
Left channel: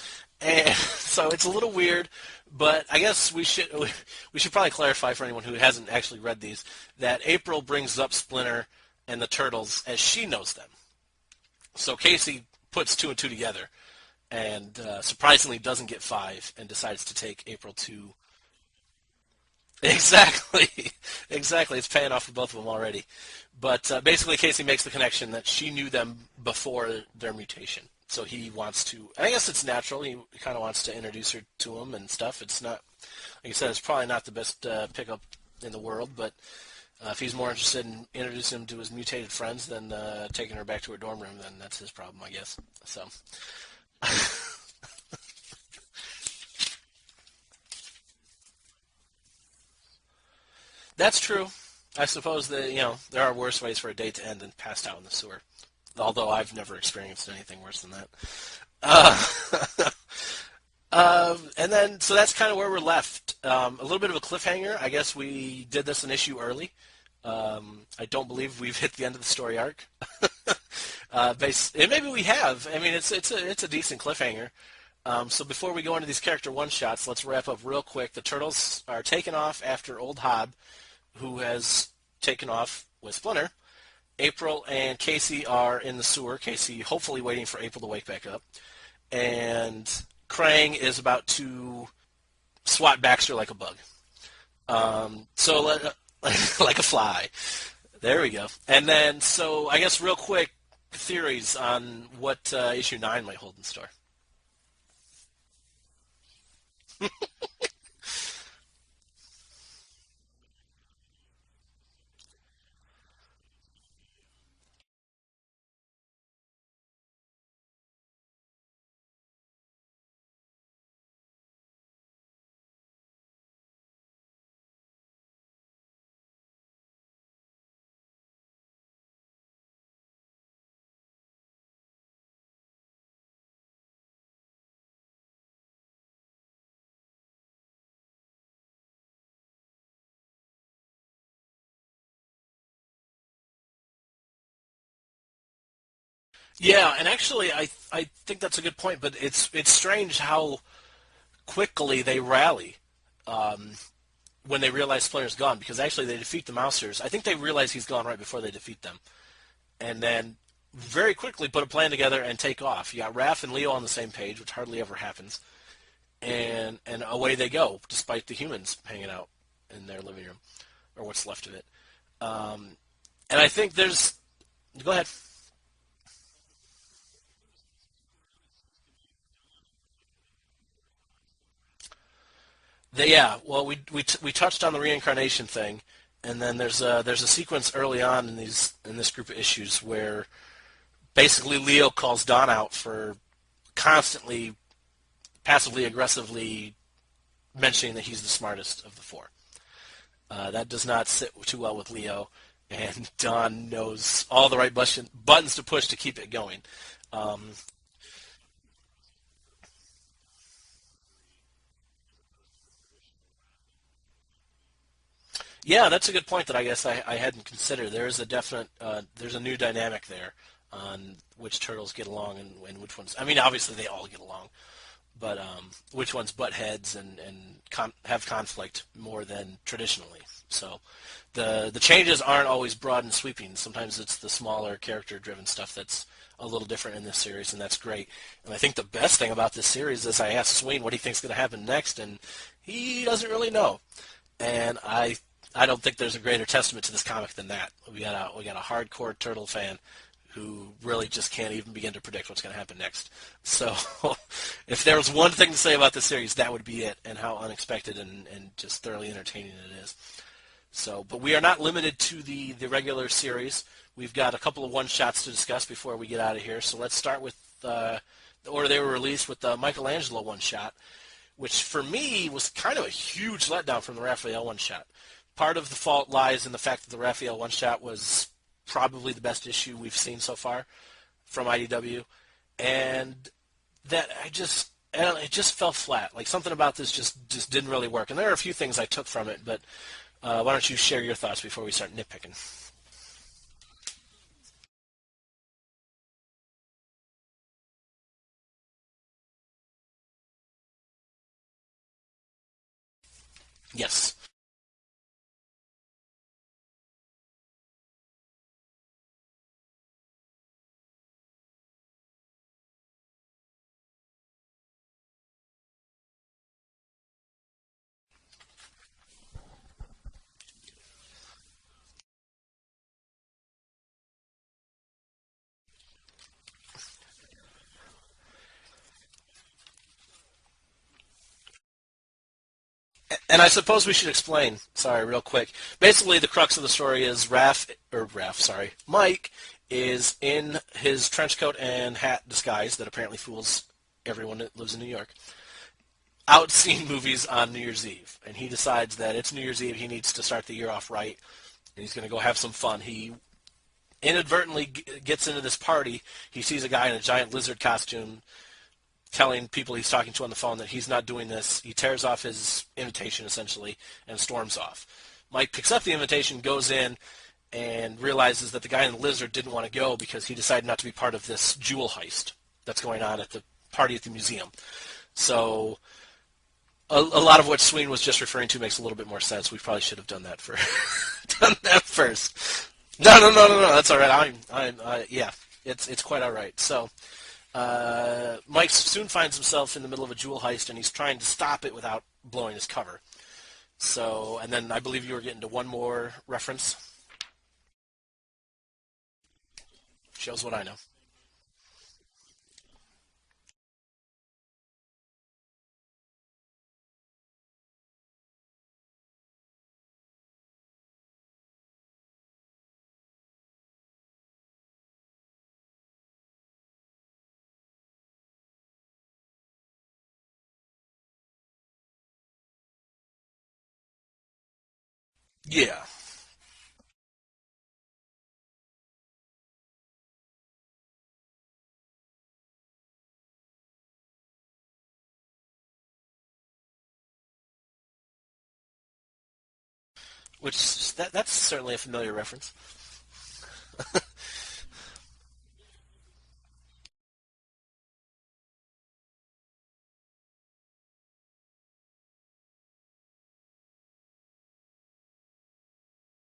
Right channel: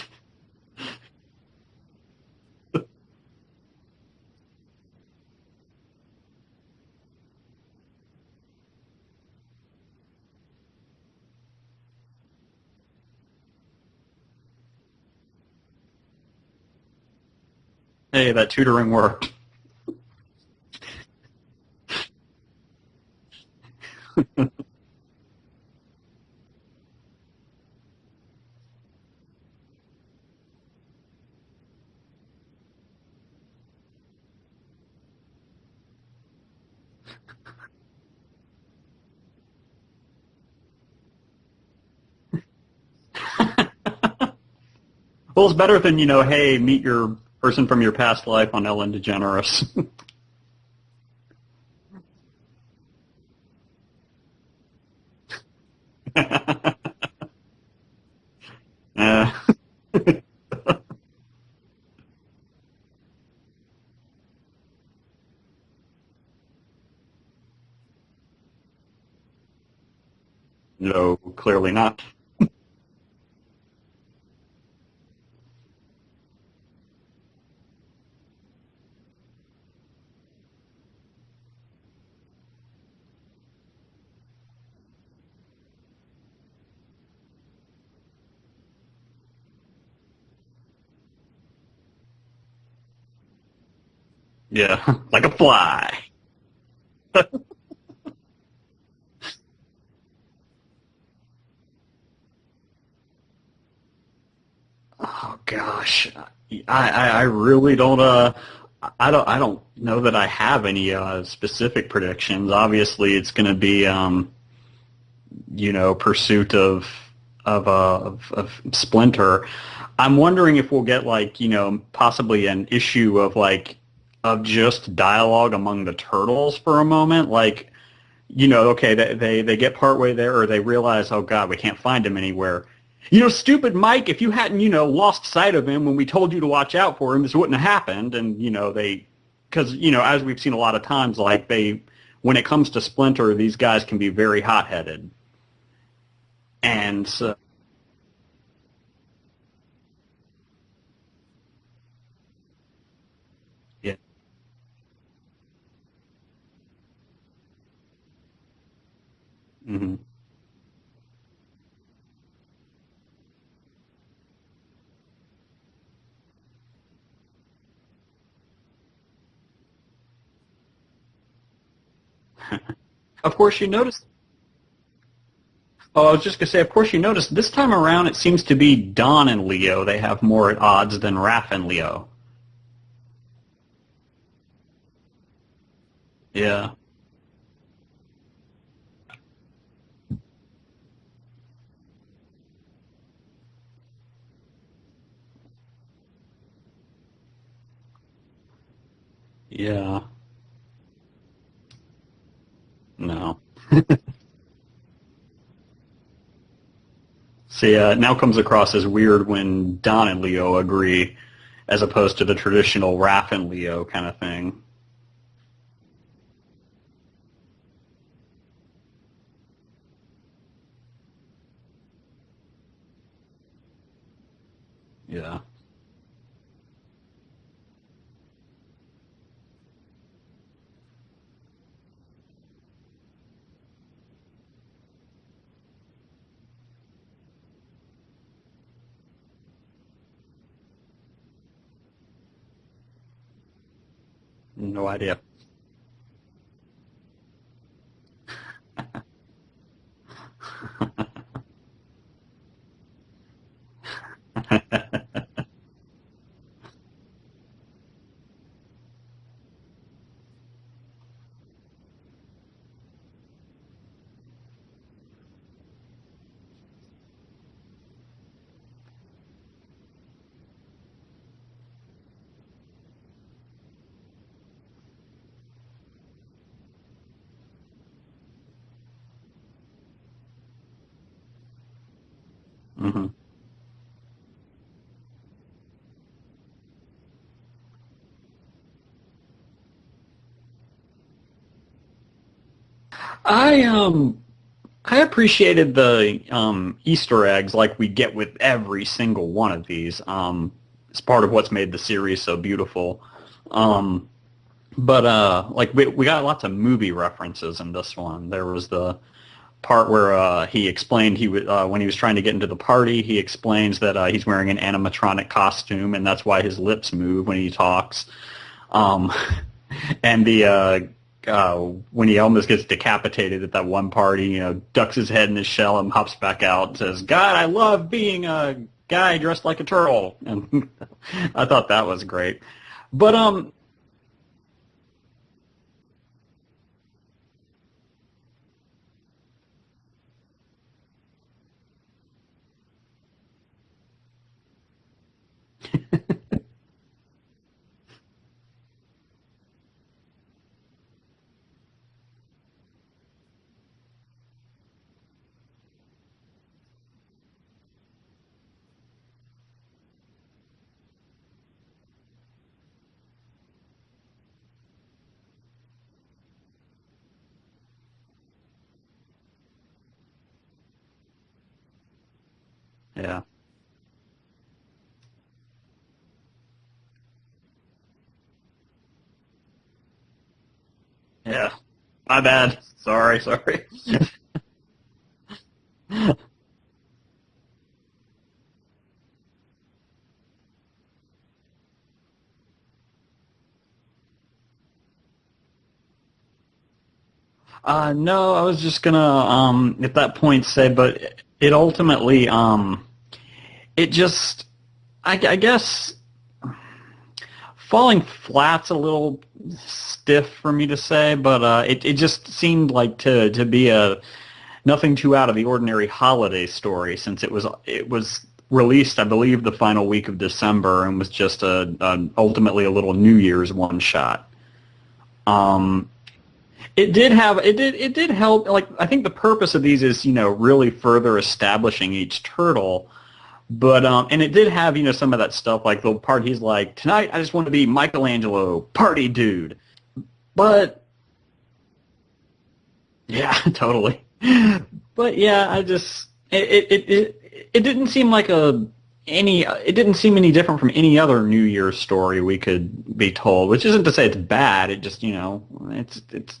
And so it's a little weird, but I guess we should probably clarify for anyone who hasn't actually read these that April brings up Splinter and the Turtles as she knows them. So Casey puts 2 and 2 together. And surprisingly doesn't get 5 and decides to take April to... Hey, that tutoring worked. Exactly. Exactly. It's paying off for both of them already. But basically, Casey makes the connection that she knew them before their mutation. So he wants to, I guess it's natural, he kind of wants to introduce her to him and stuff. It's not, like I said, it's probably not the best pickup in the world, but if he's more interested in introducing him to his mutated friends than taking her back to her dorm room, then that's his problem, I guess. So. Well, it's better than, hey, meet your person from your past life on Ellen DeGeneres. That's true. I suppose that, there are worse ways for a date to end than passed out in the sewer. Although I've never experienced anything worse than that. And then, so that's kind of where we're left. A little bit of a cliffhanger. I guess we did this an issue early. I don't believe we've hit the end of the story arc. No, clearly not. Maybe we have. I mean, it's a decent cliffhanger. So before we go into these character one-shots, let's wrap up real quick. The Turtles are taken off after Old Hob, who has taken off with Splinter. April and Casey are in the sewer. Casey hopefully waiting for April to wake back up. And Krang is about to swat Baxter like a bug. Yeah, like a fly. Like a fly. There we go. And then, so I guess real quick, theories on what issue 9 might hold in store. Oh gosh, I really don't. I don't know that I have any specific predictions. Obviously, it's going to be pursuit of Splinter. I'm wondering if we'll get possibly an issue of just dialogue among the turtles for a moment. Okay, they get partway there, or they realize, oh God, we can't find him anywhere. Stupid Mike, if you hadn't, lost sight of him when we told you to watch out for him, this wouldn't have happened. And, because, as we've seen a lot of times, when it comes to Splinter, these guys can be very hot-headed. Yeah, and actually, I think that's a good point, but it's strange how quickly they rally when they realize Splinter's gone, because actually they defeat the Mousers. I think they realize he's gone right before they defeat them. Mm-hmm. And then very quickly put a plan together and take off. You got Raph and Leo on the same page, which hardly ever happens, and away they go, despite the humans hanging out in their living room, or what's left of it. Of course, you notice. Go ahead. Oh, I was just going to say, of course, you notice this time around it seems to be Don and Leo. They have more at odds than Raph and Leo. Well, we touched on the reincarnation thing, and then there's a sequence early on in this group of issues where basically Leo calls Don out for constantly, passively, aggressively mentioning that he's the smartest of the four. Yeah. That does not sit too well with Leo, and Don knows all the right buttons to push to keep it going. It now comes across as weird when Don and Leo agree, as opposed to the traditional Raph and Leo kind of thing. Yeah, that's a good point that I guess I hadn't considered. There is a definite, there's a new dynamic there on which turtles get along and which ones. I mean, obviously they all get along, but which ones butt heads and have conflict more than traditionally. So the changes aren't always broad and sweeping. Sometimes it's the smaller character-driven stuff that's a little different in this series, and that's great. And I think the best thing about this series is I asked Swain what he thinks is going to happen next, and he doesn't really know. And no idea. I don't think there's a greater testament to this comic than that. We got a hardcore turtle fan who really just can't even begin to predict what's going to happen next. So if there was one thing to say about this series, that would be it, and how unexpected and just thoroughly entertaining it is. So, but we are not limited to the regular series. We've got a couple of one-shots to discuss before we get out of here. So let's start with the order they were released with the Michelangelo one-shot, which for me was kind of a huge letdown from the Raphael one-shot. Part of the fault lies in the fact that the Raphael one-shot was probably the best issue we've seen so far from IDW, and that it just fell flat. Like something about this just didn't really work. And there are a few things I took from it, but why don't you share your thoughts before we start nitpicking? I appreciated the Easter eggs like we get with every single one of these. It's part of what's made the series so beautiful. Yes. But we got lots of movie references in this one. There was the part where he explained when he was trying to get into the party, he explains that he's wearing an animatronic costume, and that's why his lips move when he talks. And when he almost gets decapitated at that one party, ducks his head in his shell and hops back out and says, "God, I love being a guy dressed like a turtle." And I thought that was great. But And I suppose we should explain, sorry, real quick. Basically, the crux of the story is Mike is in his trench coat and hat disguise that apparently fools everyone that lives in New York, out seeing movies on New Year's Eve. And he decides that it's New Year's Eve, he needs to start the year off right, and he's going to go have some fun. He inadvertently gets into this party. He sees a guy in a giant lizard costume telling people he's talking to on the phone that he's not doing this. He tears off his invitation, essentially, and storms off. Mike picks up the invitation, goes in, and realizes that the guy in the lizard didn't want to go because he decided not to be part of this jewel heist that's going on at the party at the museum. So a lot of what Sween was just referring to makes a little bit more sense. We probably should have done that done that first. My bad. Sorry. No. That's all right. It's quite all right. So Mike soon finds himself in the middle of a jewel heist, and he's trying to stop it without blowing his cover. So, and then I believe you were getting to one more reference. No, I was just gonna at that point say, but it ultimately it just I guess falling flat's a little stiff for me to say, but it just seemed like to be a nothing too out of the ordinary holiday story, since it was released, I believe, the final week of December, and was just ultimately a little New Year's one shot. It did help. Like, I think the purpose of these is really further establishing each turtle. But and it did have some of that stuff, like the part he's like, "Tonight I just want to be Michelangelo, party dude." But that's certainly a familiar reference. Yeah, totally. But yeah, I just it didn't seem like it didn't seem any different from any other New Year's story we could be told, which isn't to say it's bad. It just it's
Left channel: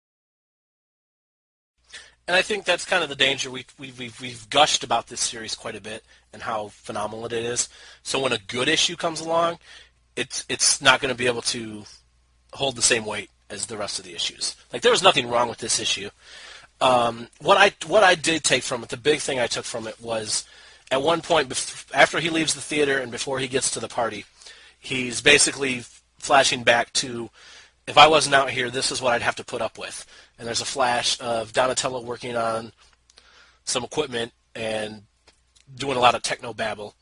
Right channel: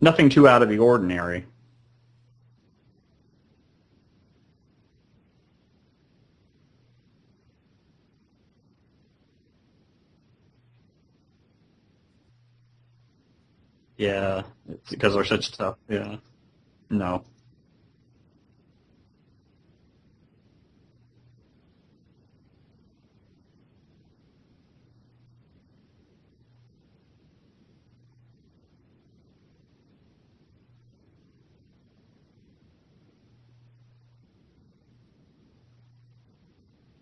nothing too out of the ordinary. And I think that's kind of the danger. We've gushed about this series quite a bit and how phenomenal it is. So when a good issue comes along, it's not going to be able to hold the same weight as the rest of the issues. Like, there was nothing wrong with this issue. No. What I did take from it, the big thing I took from it was, at one point after he leaves the theater and before he gets to the party, he's basically flashing back to, if I wasn't out here, this is what I'd have to put up with. And there's a flash of Donatello working on some equipment and doing a lot of techno babble.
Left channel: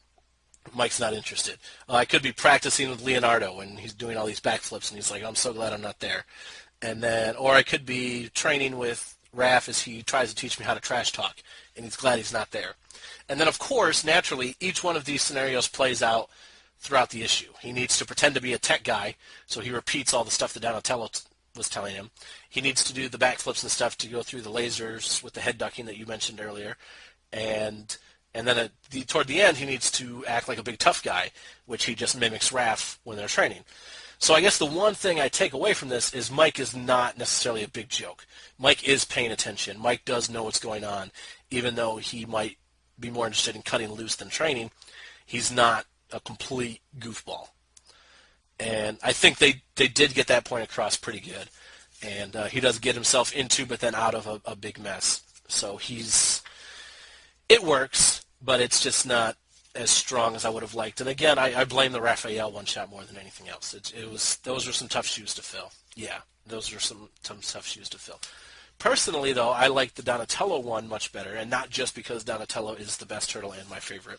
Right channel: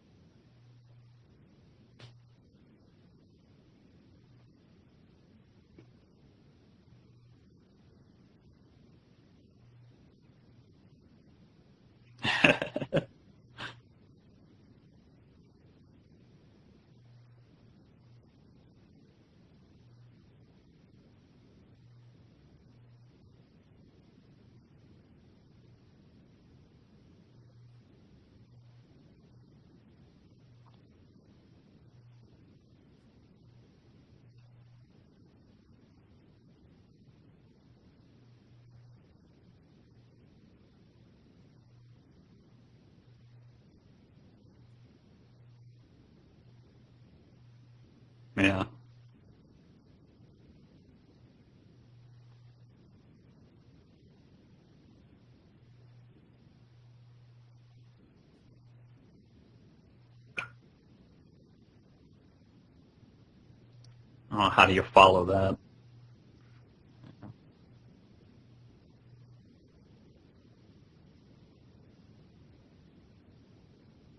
Mike's not interested. I could be practicing with Leonardo, and he's doing all these backflips, and he's like, "I'm so glad I'm not there." And then, or I could be training with Raph as he tries to teach me how to trash talk, and he's glad he's not there. And then, of course, naturally, each one of these scenarios plays out throughout the issue. He needs to pretend to be a tech guy, so he repeats all the stuff that Donatello was telling him. He needs to do the backflips and stuff to go through the lasers with the head ducking that you mentioned earlier. And then toward the end, he needs to act like a big tough guy, which he just mimics Raph when they're training. So I guess the one thing I take away from this is Mike is not necessarily a big joke. Mike is paying attention. Mike does know what's going on. Even though he might be more interested in cutting loose than training, he's not a complete goofball. Yeah. And I think they did get that point across pretty good. And he does get himself into, but then out of a big mess. So it works, but it's just not as strong as I would have liked. And again, I blame the Raphael one-shot more than anything else. It was. How do you follow that? Yeah, those are some tough shoes to fill. Personally, though, I like the Donatello one much better, and not just because Donatello is the best turtle and my favorite.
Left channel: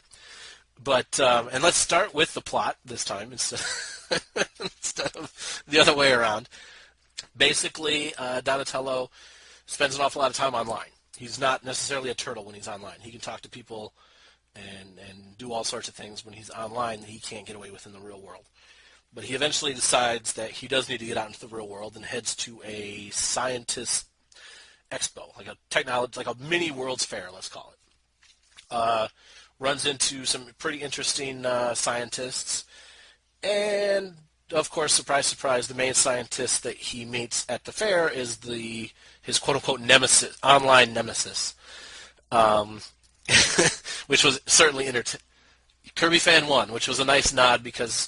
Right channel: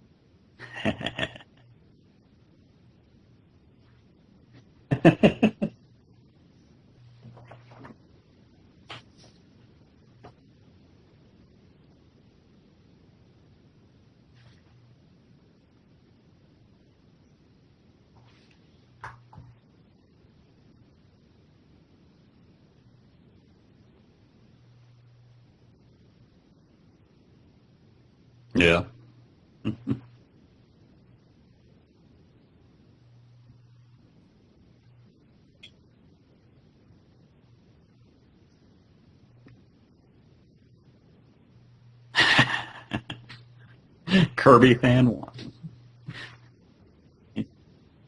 But and let's start with the plot this time instead of the other way around. Basically, Donatello spends an awful lot of time online. He's not necessarily a turtle when he's online. He can talk to people and do all sorts of things when he's online that he can't get away with in the real world. But he eventually decides that he does need to get out into the real world and heads to a scientist expo, like a technology, like a mini World's Fair, let's call it. Yeah. Runs into some pretty interesting scientists, and of course, surprise, surprise, the main scientist that he meets at the fair is his quote-unquote nemesis, online nemesis, which was Kirby Fan 1. Kirby Fan 1, which was a nice nod because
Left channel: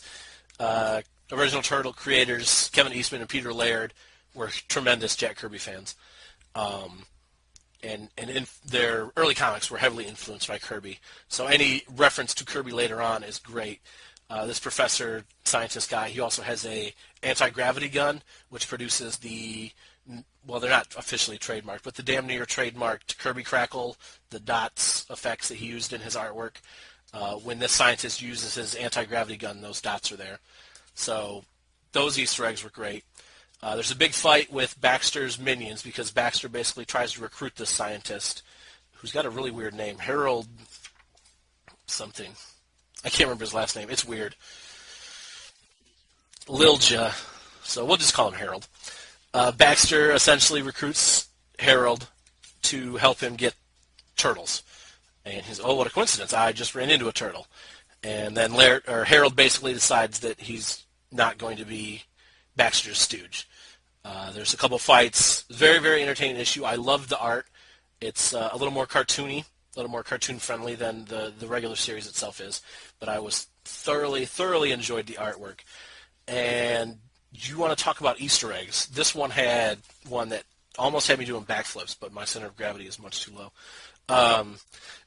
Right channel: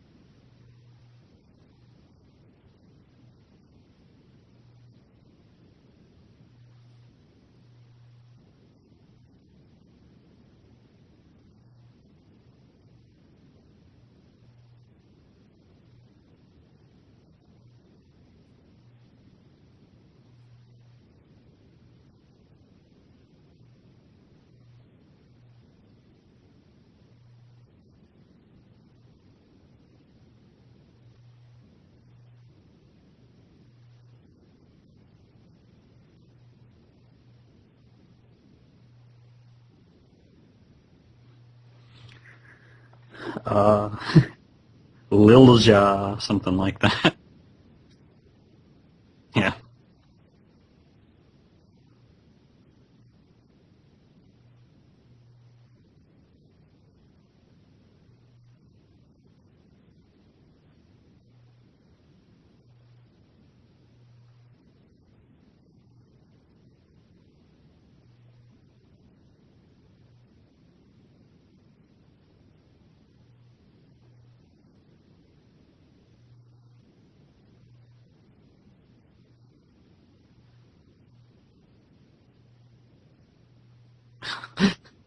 original Turtle creators, Kevin Eastman and Peter Laird, were tremendous Jack Kirby fans. And in their early comics were heavily influenced by Kirby. So any reference to Kirby later on is great. This professor, scientist guy, he also has a anti-gravity gun, which produces well, they're not officially trademarked, but the damn near trademarked Kirby Crackle, the dots effects that he used in his artwork. When this scientist uses his anti-gravity gun, those dots are there. So those Easter eggs were great. There's a big fight with Baxter's minions because Baxter basically tries to recruit this scientist, who's got a really weird name, Harold something. I can't remember his last name. It's weird. Lilja, something like that. Lilja. So we'll just call him Harold. Yeah. Baxter essentially recruits Harold to help him get turtles. And he's, oh, what a coincidence. I just ran into a turtle. And then Harold basically decides that he's not going to be Baxter's stooge. There's a couple fights. Very, very entertaining issue. I love the art. It's a little more cartoony, a little more cartoon-friendly than the regular series itself is. But I was thoroughly enjoyed the artwork. And you want to talk about Easter eggs. This one had one that almost had me doing backflips, but my center of gravity is much too low.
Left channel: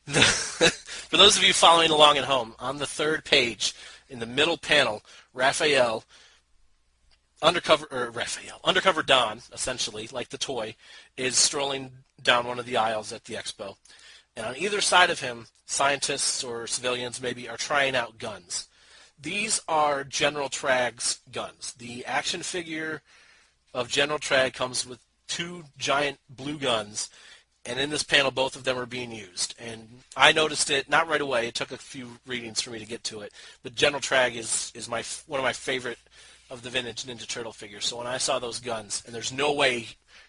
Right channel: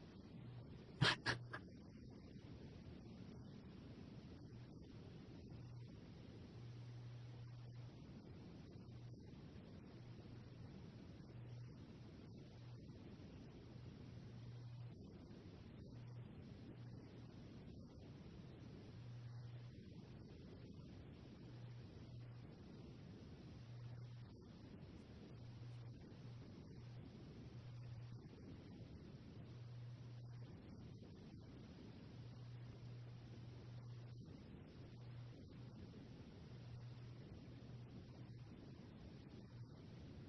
For those of you following along at home, on the third page, in the middle panel, Undercover Don, essentially, like the toy, is strolling down one of the aisles at the expo. And on either side of him, scientists or civilians maybe are trying out guns. These are General Trag's guns. The action figure of General Trag comes with two giant blue guns, and in this panel, both of them are being used. And I noticed it, not right away. It took a few readings for me to get to it. But General Trag is one of my favorite of the vintage Ninja Turtle figures. So when I saw those guns, and there's no way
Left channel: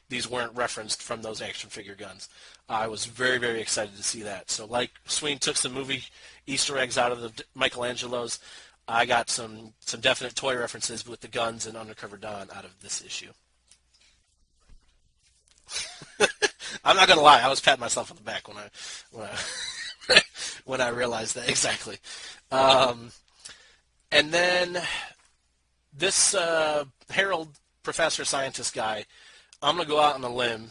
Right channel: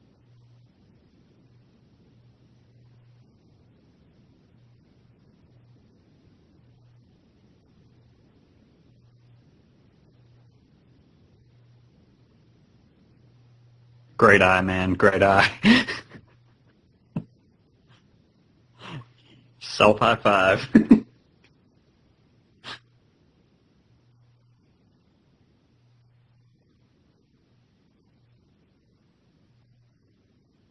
these weren't referenced from those action figure guns, I was very, very excited to see that. So like Sween took some movie Easter eggs out of the Michelangelos, I got some definite toy references with the guns and Undercover Don out of this issue. Great eye, man. Great eye. I'm not gonna lie, I was patting myself on the back when I Self high five. when I realized that exactly. And then this Harold professor scientist guy, I'm gonna go out on a limb.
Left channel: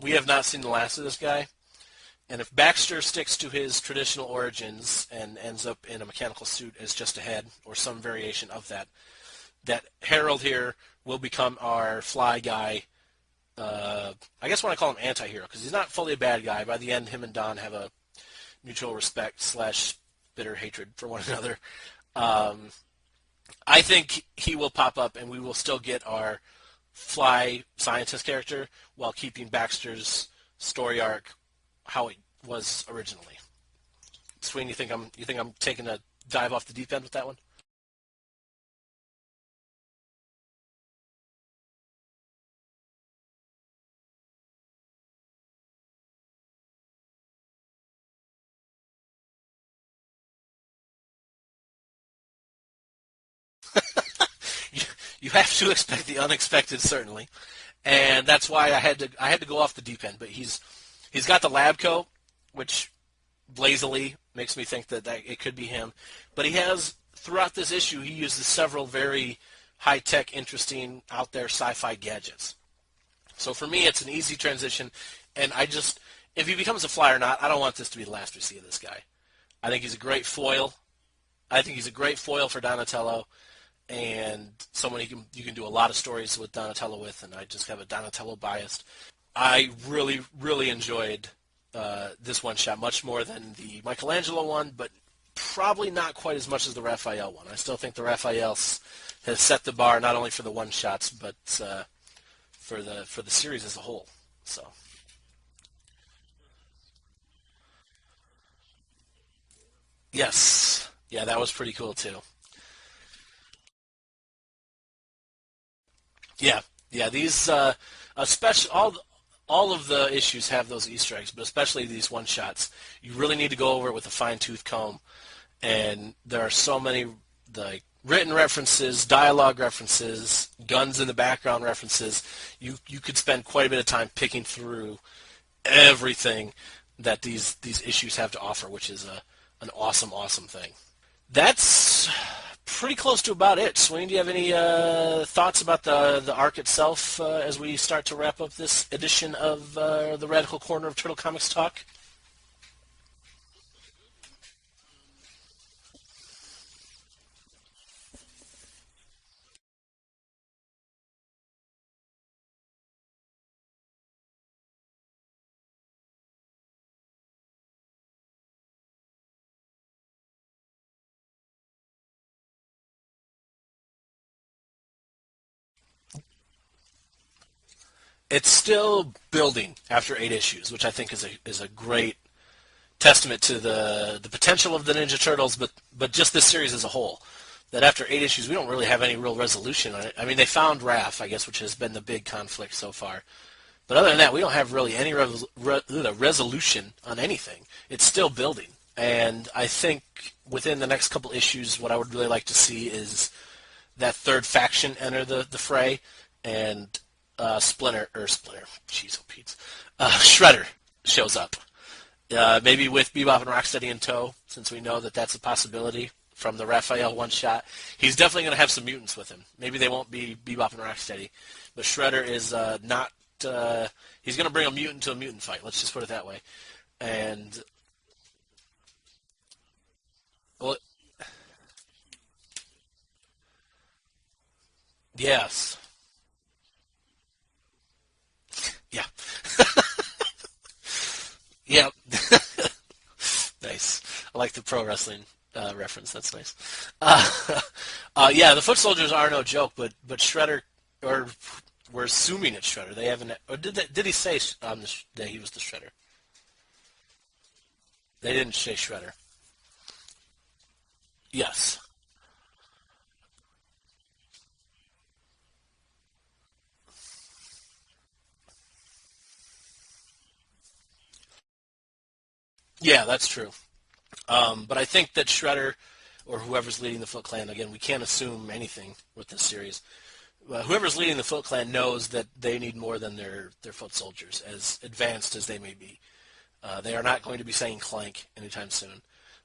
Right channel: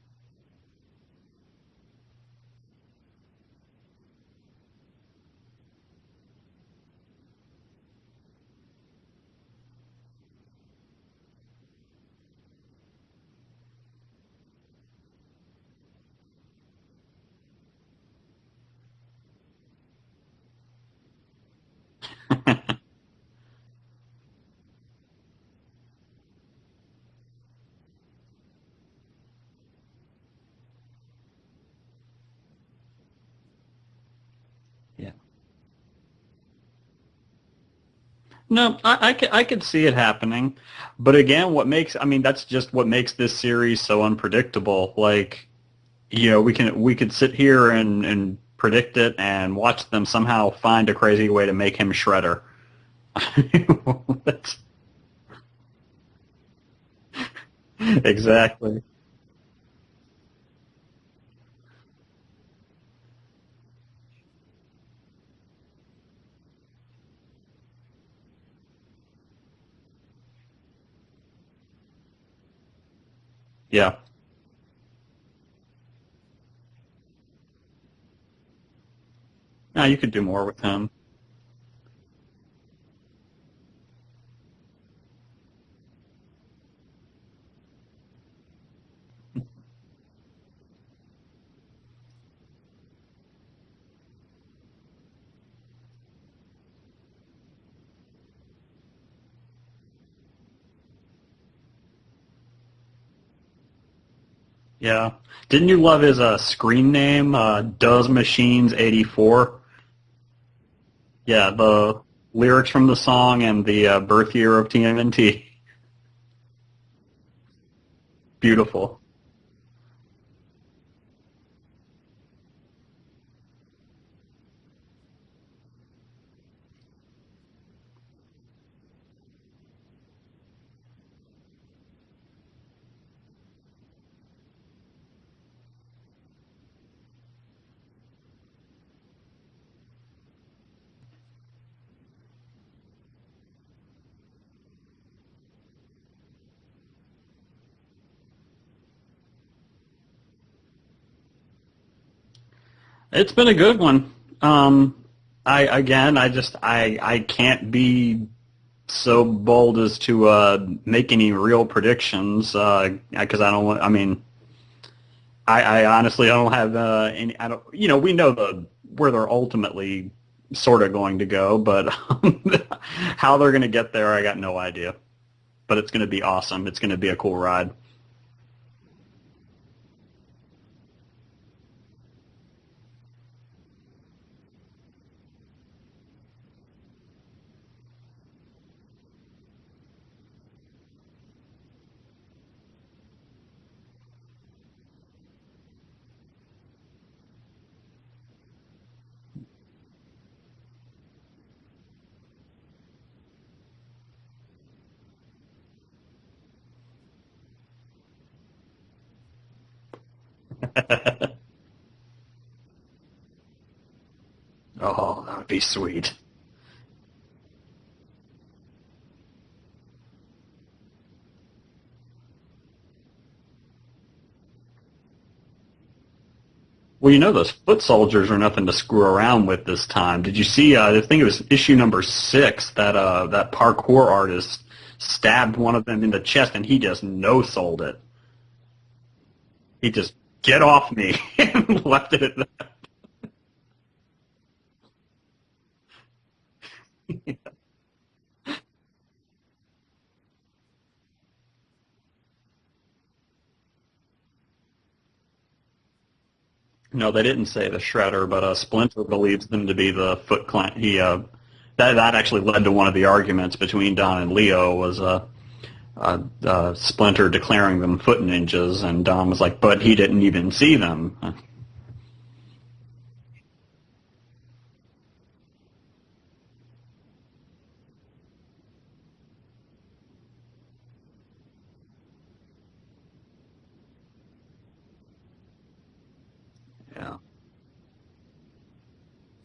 We have not seen the last of this guy, and if Baxter sticks to his traditional origins and ends up in a mechanical suit as just a head or some variation of that, that Harold here will become our fly guy. I guess when I call him anti-hero, because he's not fully a bad guy. By the end, him and Don have a mutual respect / bitter hatred for one another. I think he will pop up, and we will still get our fly scientist character while keeping Baxter's story arc how it was originally. Sween, you think I'm taking a dive off the deep end with that one? No, I could see it happening, but again, that's just what makes this series so unpredictable. Like, we could sit here and predict it and watch them somehow find a crazy way to make him Shredder. You have to expect the unexpected, certainly, and exactly. That's why I had to go off the deep end. But he's got the lab coat, which lazily makes me think that it could be him. But he has. Throughout this issue, he uses several very high-tech, interesting, out-there sci-fi gadgets. So for me, It's an easy transition, and if he becomes a fly or not, I don't want this to be the last we see of this guy. I think he's a great foil. I think he's a great foil for Donatello, and someone you can do a lot of stories with Donatello with, and I just have a Donatello bias. I really, really enjoyed this one-shot, much more than the Michelangelo one, but probably not quite as much as the Raphael one. I still think the Raphael has set the bar not only for the one-shots, but for the series as a whole. So yeah, didn't you love his screen name, Does Machines 84? Yes, yeah, that was pretty cool too. Lyrics from the song and the birth year of TMNT. Yeah, these especially all of the issues have those Easter eggs, but especially these one-shots. You really need to go over it with a fine-tooth comb. And there are so many written references, dialogue references, guns in the background references. You could spend quite a bit of time picking through everything that these issues have to offer, which is an awesome thing. That's pretty close to about it. Swain, do you have any thoughts about the arc itself as we start to wrap up this edition of the Radical Corner of Turtle Comics Talk? It's been a good one. I can't be so bold as to make any real predictions because I don't want. I mean, I honestly don't have any. I don't. We know where they're ultimately sort of going to go, but how they're going to get there, I got no idea. But it's going to be awesome. It's going to be a cool ride. It's still building after 8 issues, which I think is a great testament to the potential of the Ninja Turtles, but just this series as a whole. That after 8 issues, we don't really have any real resolution on it. I mean, they found Raph, I guess, which has been the big conflict so far. But other than that, we don't have really any resolution on anything. It's still building. And I think within the next couple issues, what I would really like to see is that third faction enter the fray, and Shredder shows up. Maybe with Bebop and Rocksteady in tow, since we know that's a possibility from the Raphael one-shot. He's definitely going to have some mutants with him. Maybe they won't be Bebop and Rocksteady, but Shredder is not... he's going to bring a mutant to a mutant fight. Let's just put it that way. Well, those foot soldiers are nothing to screw around with this time. Did you see, I think it was issue number 6, that parkour artist stabbed one of them in the chest, and he just no-sold it. Yeah. He just, get off me, and left it. Nice. I like the pro wrestling reference. That's nice. The foot soldiers are no joke, but Shredder, or we're assuming it's Shredder. They haven't, or did he say that he was the Shredder? No, they didn't say the Shredder, but Splinter believes them to be the Foot Clan. Yes. That actually led to one of the arguments between Don and Leo was Splinter declaring them Foot Ninjas, and Don was like, but he didn't even see them. Yeah, that's true. But I think that Shredder, or whoever's leading the Foot Clan, again, we can't assume anything with this series. Whoever's leading the Foot Clan knows that they need more than their foot soldiers, as advanced as they may be. They are not going to be saying clank anytime soon.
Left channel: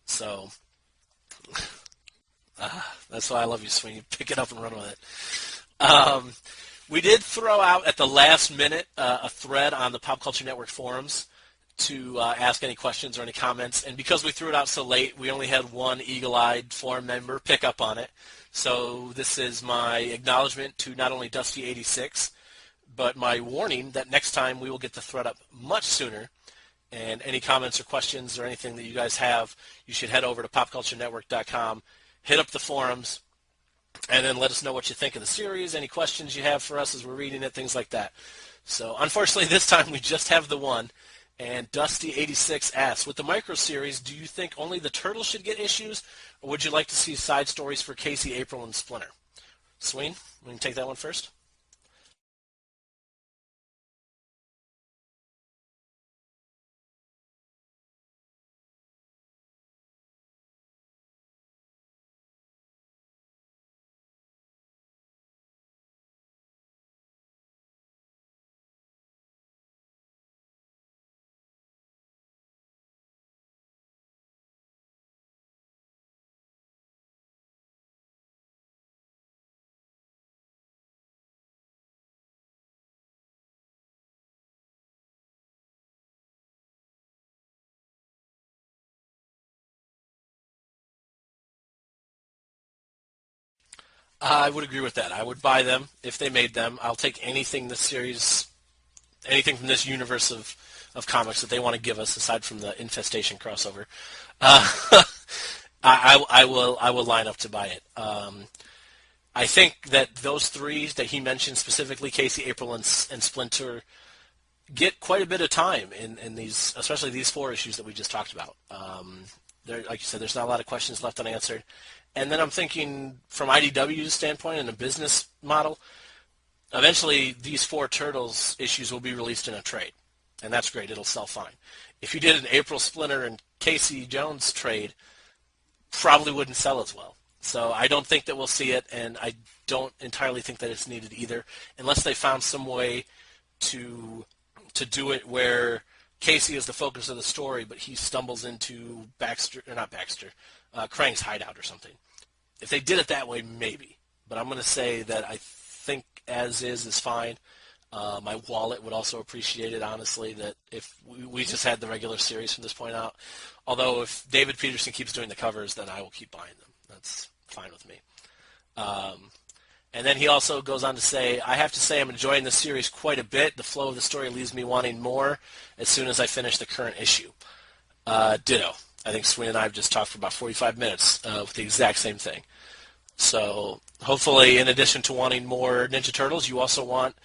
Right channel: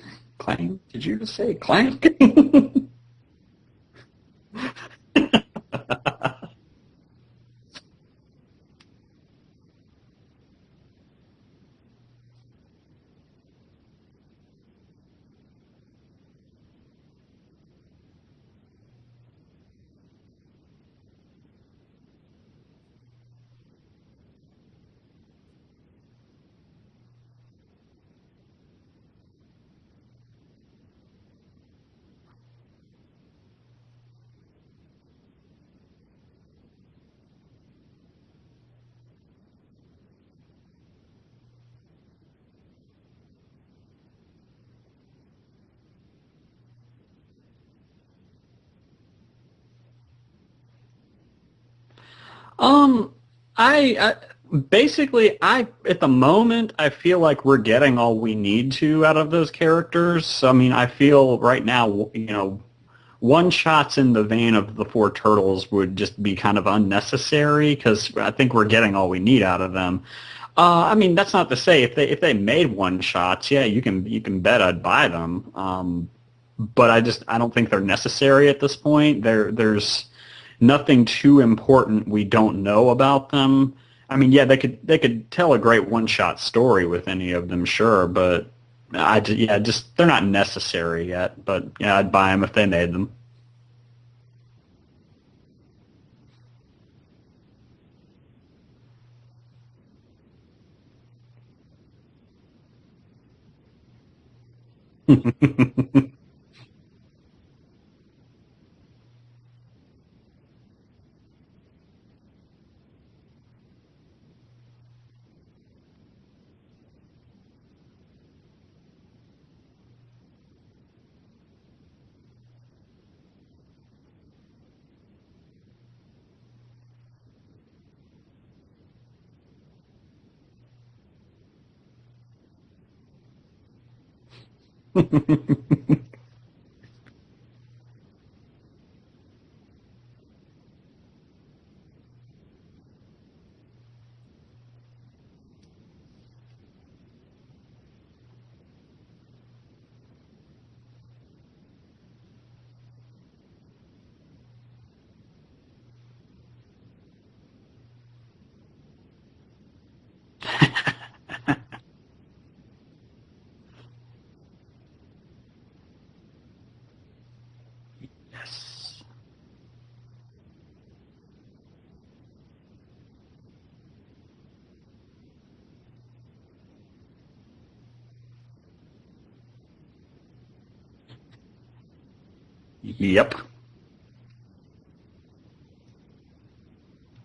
So clank? Did you just say clank? That's why I love you, Swing. Pick it up and run with it. We did throw out at the last minute a thread on the Pop Culture Network forums to ask any questions or any comments. And because we threw it out so late, we only had one eagle-eyed forum member pick up on it. So this is my acknowledgement to not only Dusty86, but my warning that next time we will get the thread up much sooner. And any comments or questions or anything that you guys have, you should head over to popculturenetwork.com, hit up the forums, and then let us know what you think of the series, any questions you have for us as we're reading it, things like that. So unfortunately this time we just have the one, and Dusty86 asks, with the micro series, do you think only the Turtles should get issues, or would you like to see side stories for Casey, April, and Splinter? Sween, we can take that one first. Basically, at the moment, I feel like we're getting all we need to out of those characters. I mean, I feel right now, one-shots in the vein of the 4 Turtles would just be kind of unnecessary because I think we're getting all we need out of them. I mean, that's not to say if they made one-shots, yeah, you can bet I'd buy them. But I don't think they're necessary at this point. There's nothing too important we don't know about them. I mean, yeah, they could tell a great one-shot story with any of them, sure, but they're not necessary yet. But yeah, I'd buy them if they made them. I would agree with that. I would buy them if they made them. I'll take anything this series, anything from this universe of comics that they want to give us, aside from the Infestation crossover. I will line up to buy it. I think that those 3 that he mentioned specifically, Casey, April, and Splinter, get quite a bit of time in these, especially these 4 issues that we just talked about. Like you said, there's not a lot of questions left unanswered. And then I'm thinking from IDW's standpoint and a business model, eventually these 4 Turtles issues will be released in a trade, and that's great. It'll sell fine. If you did an April, Splinter, and Casey Jones trade, probably wouldn't sell as well. So I don't think that we'll see it, and I don't entirely think that it's needed either, unless they found some way to do it where Casey is the focus of the story, but he stumbles into Krang's hideout or something. If they did it that way, maybe. But I'm going to say that I think as is fine. My wallet would also appreciate it, honestly, that if we just had the regular series from this point out. Although if David Peterson keeps doing the covers, then I will keep buying them. That's fine with me. And then he also goes on to say, I have to say I'm enjoying this series quite a bit. The flow of the story leaves me wanting more as soon as I finish the current issue. Ditto. I think Sweeney and I have just talked for about 45 minutes with the exact same thing. Yep. So hopefully, in addition to wanting more Ninja Turtles, you also want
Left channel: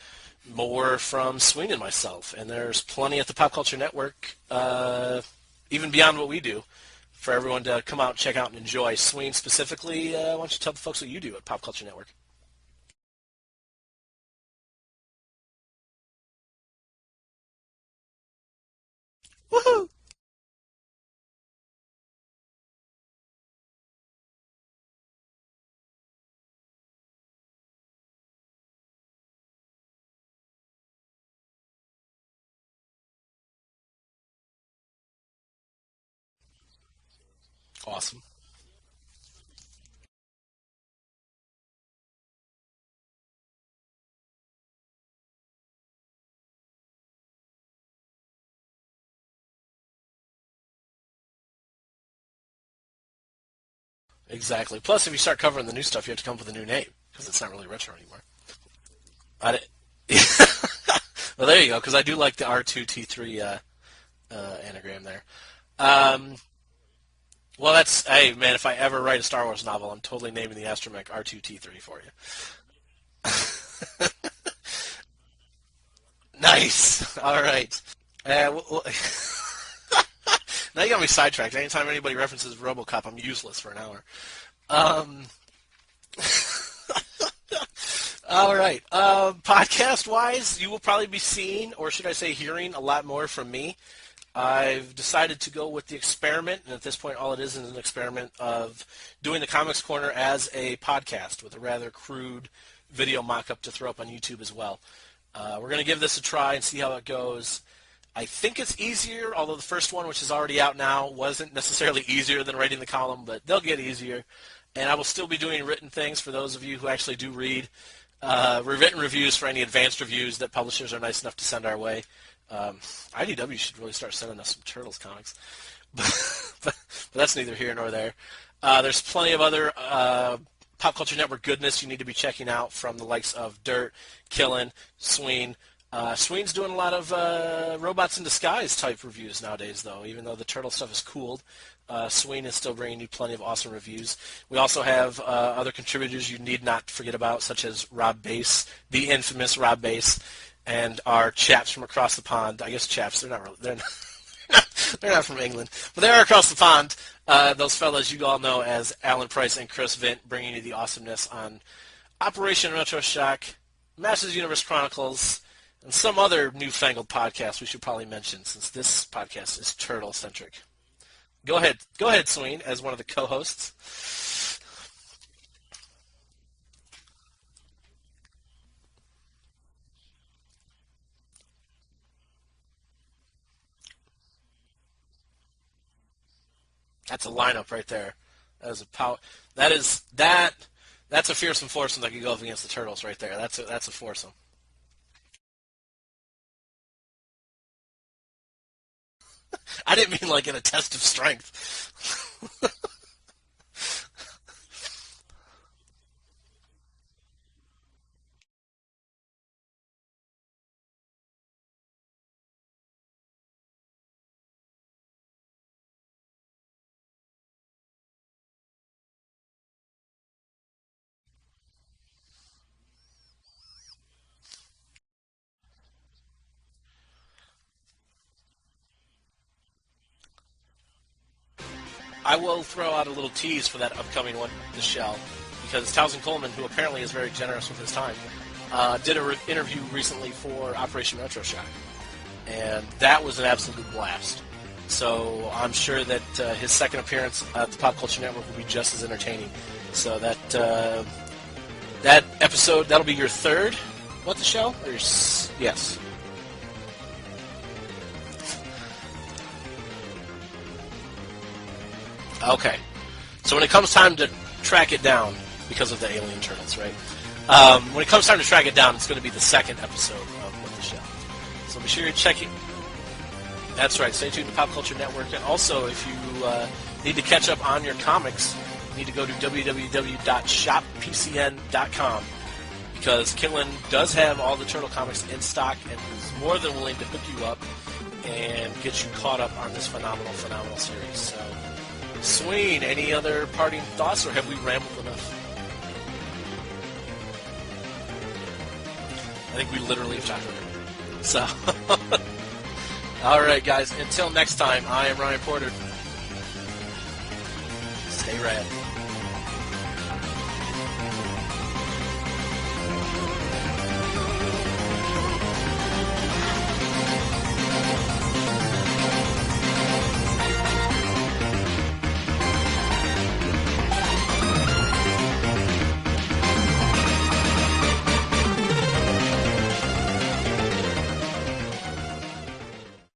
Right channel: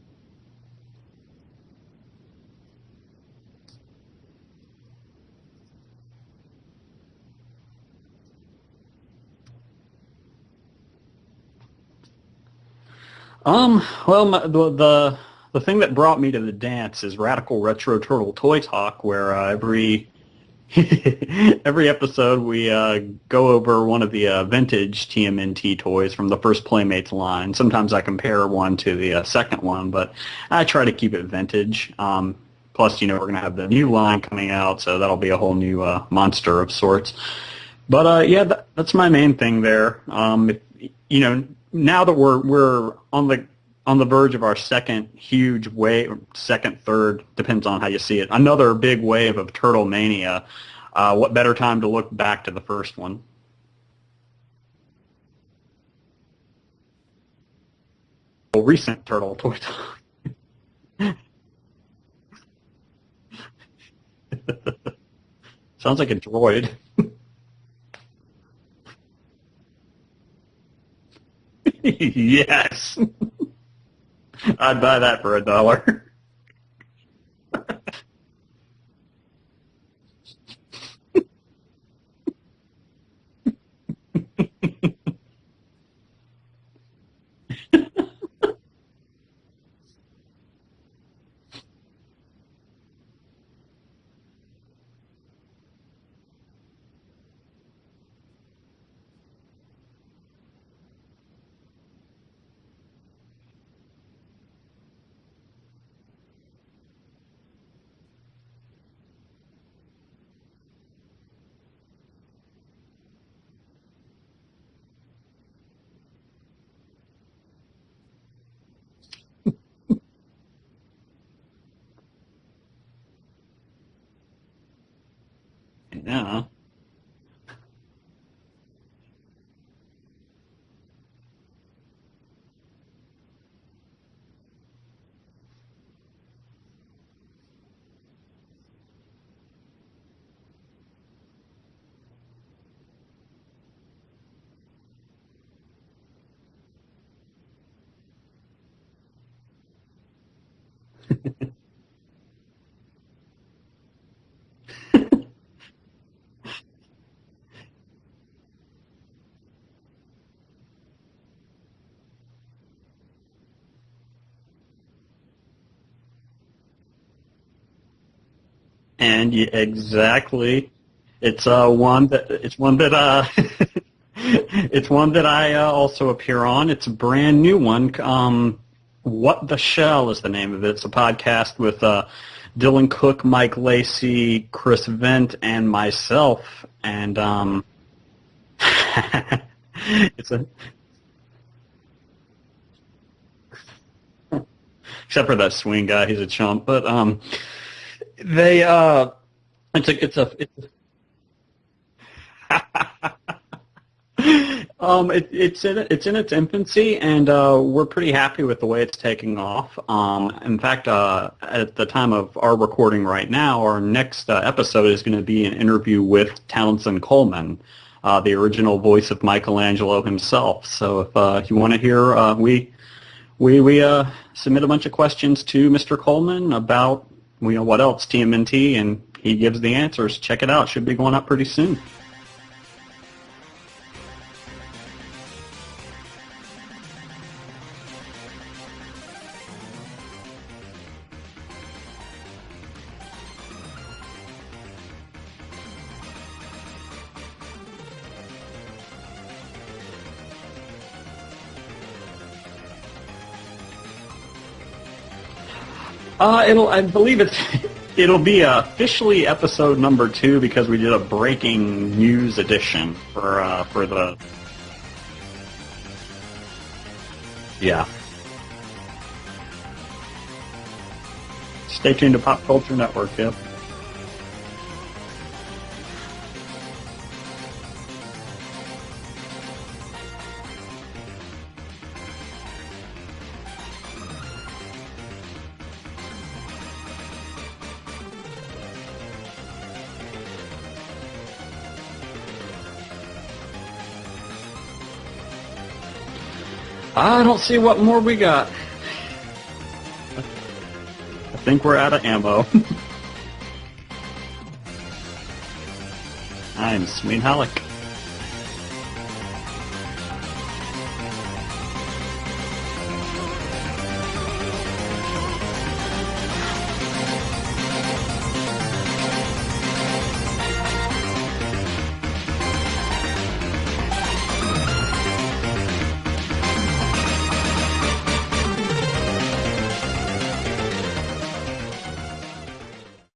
more from Sweeney and myself. And there's plenty at the Pop Culture Network, even beyond what we do, for everyone to come out, check out, and enjoy. Sweeney specifically, why don't you tell the folks what you do at Pop Culture Network? Well, the thing that brought me to the dance is Radical Retro Turtle Toy Talk, where every episode we go over one of the vintage TMNT toys from the first Playmates line. Sometimes I compare one to the second one, but I try to keep it vintage. Plus, we're going to have the new line coming out, so that'll be a whole new monster of sorts. Awesome. But that's my main thing there. Now that we're on the verge of our second huge wave, second, third, depends on how you see it, another big wave of Turtle Mania, what better time to look back to the first one? Exactly. Plus, if you start covering the new stuff, you have to come up with a new name, because it's not really retro anymore. Well, recent Turtle. Well, there you go, because I do like the R2-T3 anagram there. Sounds like a droid. Well, hey, man, if I ever write a Star Wars novel, I'm totally naming the astromech R2-T3 for you. Yes. I'd buy that for $1. Nice. All right. Now you got me sidetracked. Anytime anybody references RoboCop, I'm useless for an hour. All right. Podcast-wise, you will probably be seeing, or should I say hearing, a lot more from me. I've decided to go with the experiment, and at this point all it is an experiment of doing the Comics Corner as a podcast with a rather crude video mock-up to throw up on YouTube as well. We're going to give this a try and see how it goes. I think it's easier, although the first one, which is already out now, wasn't necessarily easier than writing the column, but they'll get easier. And I will still be doing written things for those of you who actually do read. Written reviews for any advanced reviews that publishers are nice enough to send our way. IDW should really start sending us some Turtles comics. but that's neither here nor there. There's plenty of other Pop Culture Network goodness you need to be checking out from the likes of Dirt, Killin', Sween. Sween's doing a lot of Robots in Disguise type reviews nowadays, though, even though the Turtle stuff is cooled. Sween is still bringing you plenty of awesome reviews. We also have other contributors you need not forget about, such as Rob Bass, the infamous Rob Bass, and our chaps from across the pond. I guess chaps, they're not from England, but they are across the pond. Those fellas you all know as Alan Price and Chris Vint, bringing you the awesomeness on Operation Retro Shock, Masters Universe Chronicles, and some other newfangled podcast we should probably mention, since this and exactly. It's one that I also appear on. It's a brand new one. What the Shell is the name of it. It's a podcast with Dylan Cook, Mike Lacey, Chris Vint, and myself. And that's a lineup right there. Wow. That's a fearsome foursome that could go up against the Turtles right there. That's a foursome. Except for that Swing guy, he's a chump. But they. I didn't mean like in a test of strength. It's in its infancy, and we're pretty happy with the way it's taking off. In fact, at the time of our recording right now, our next episode is going to be an interview with Townsend Coleman, the original voice of Michelangelo himself. So if you want to hear, we submit a bunch of questions to Mr. Coleman about what else, TMNT, and he gives the answers. Check it out. Should be going up pretty soon. I will throw out a little tease for that upcoming one, The Shell, because Townsend Coleman, who apparently is very generous with his time, did an interview recently for Operation Retro Shock, and that was an absolute blast. So I'm sure that his second appearance at the Pop Culture Network will be just as entertaining. So that episode, that'll be your third, What the Shell? Yes. I believe it'll be officially episode number 2 because we did a breaking news edition. Okay. So when it comes time to track it down, because of the alien turtles, right? When it comes time to track it down, it's going to be the second episode of the show. So stay tuned to Pop Culture Network, yeah. That's right. Stay tuned to Pop Culture Network. And also, if you need to catch up on your comics, you need to go to www.shoppcn.com because Kinlan does have all the Turtle comics in stock and is more than willing to hook you up and get you caught up on this phenomenal series. Swain, any other parting thoughts, or have we rambled enough? I don't see what more we got. I think we literally have time. So. I think we're out of ammo. All right, guys. Until next time, I am Ryan Porter. I'm Swain Halleck. Stay rad.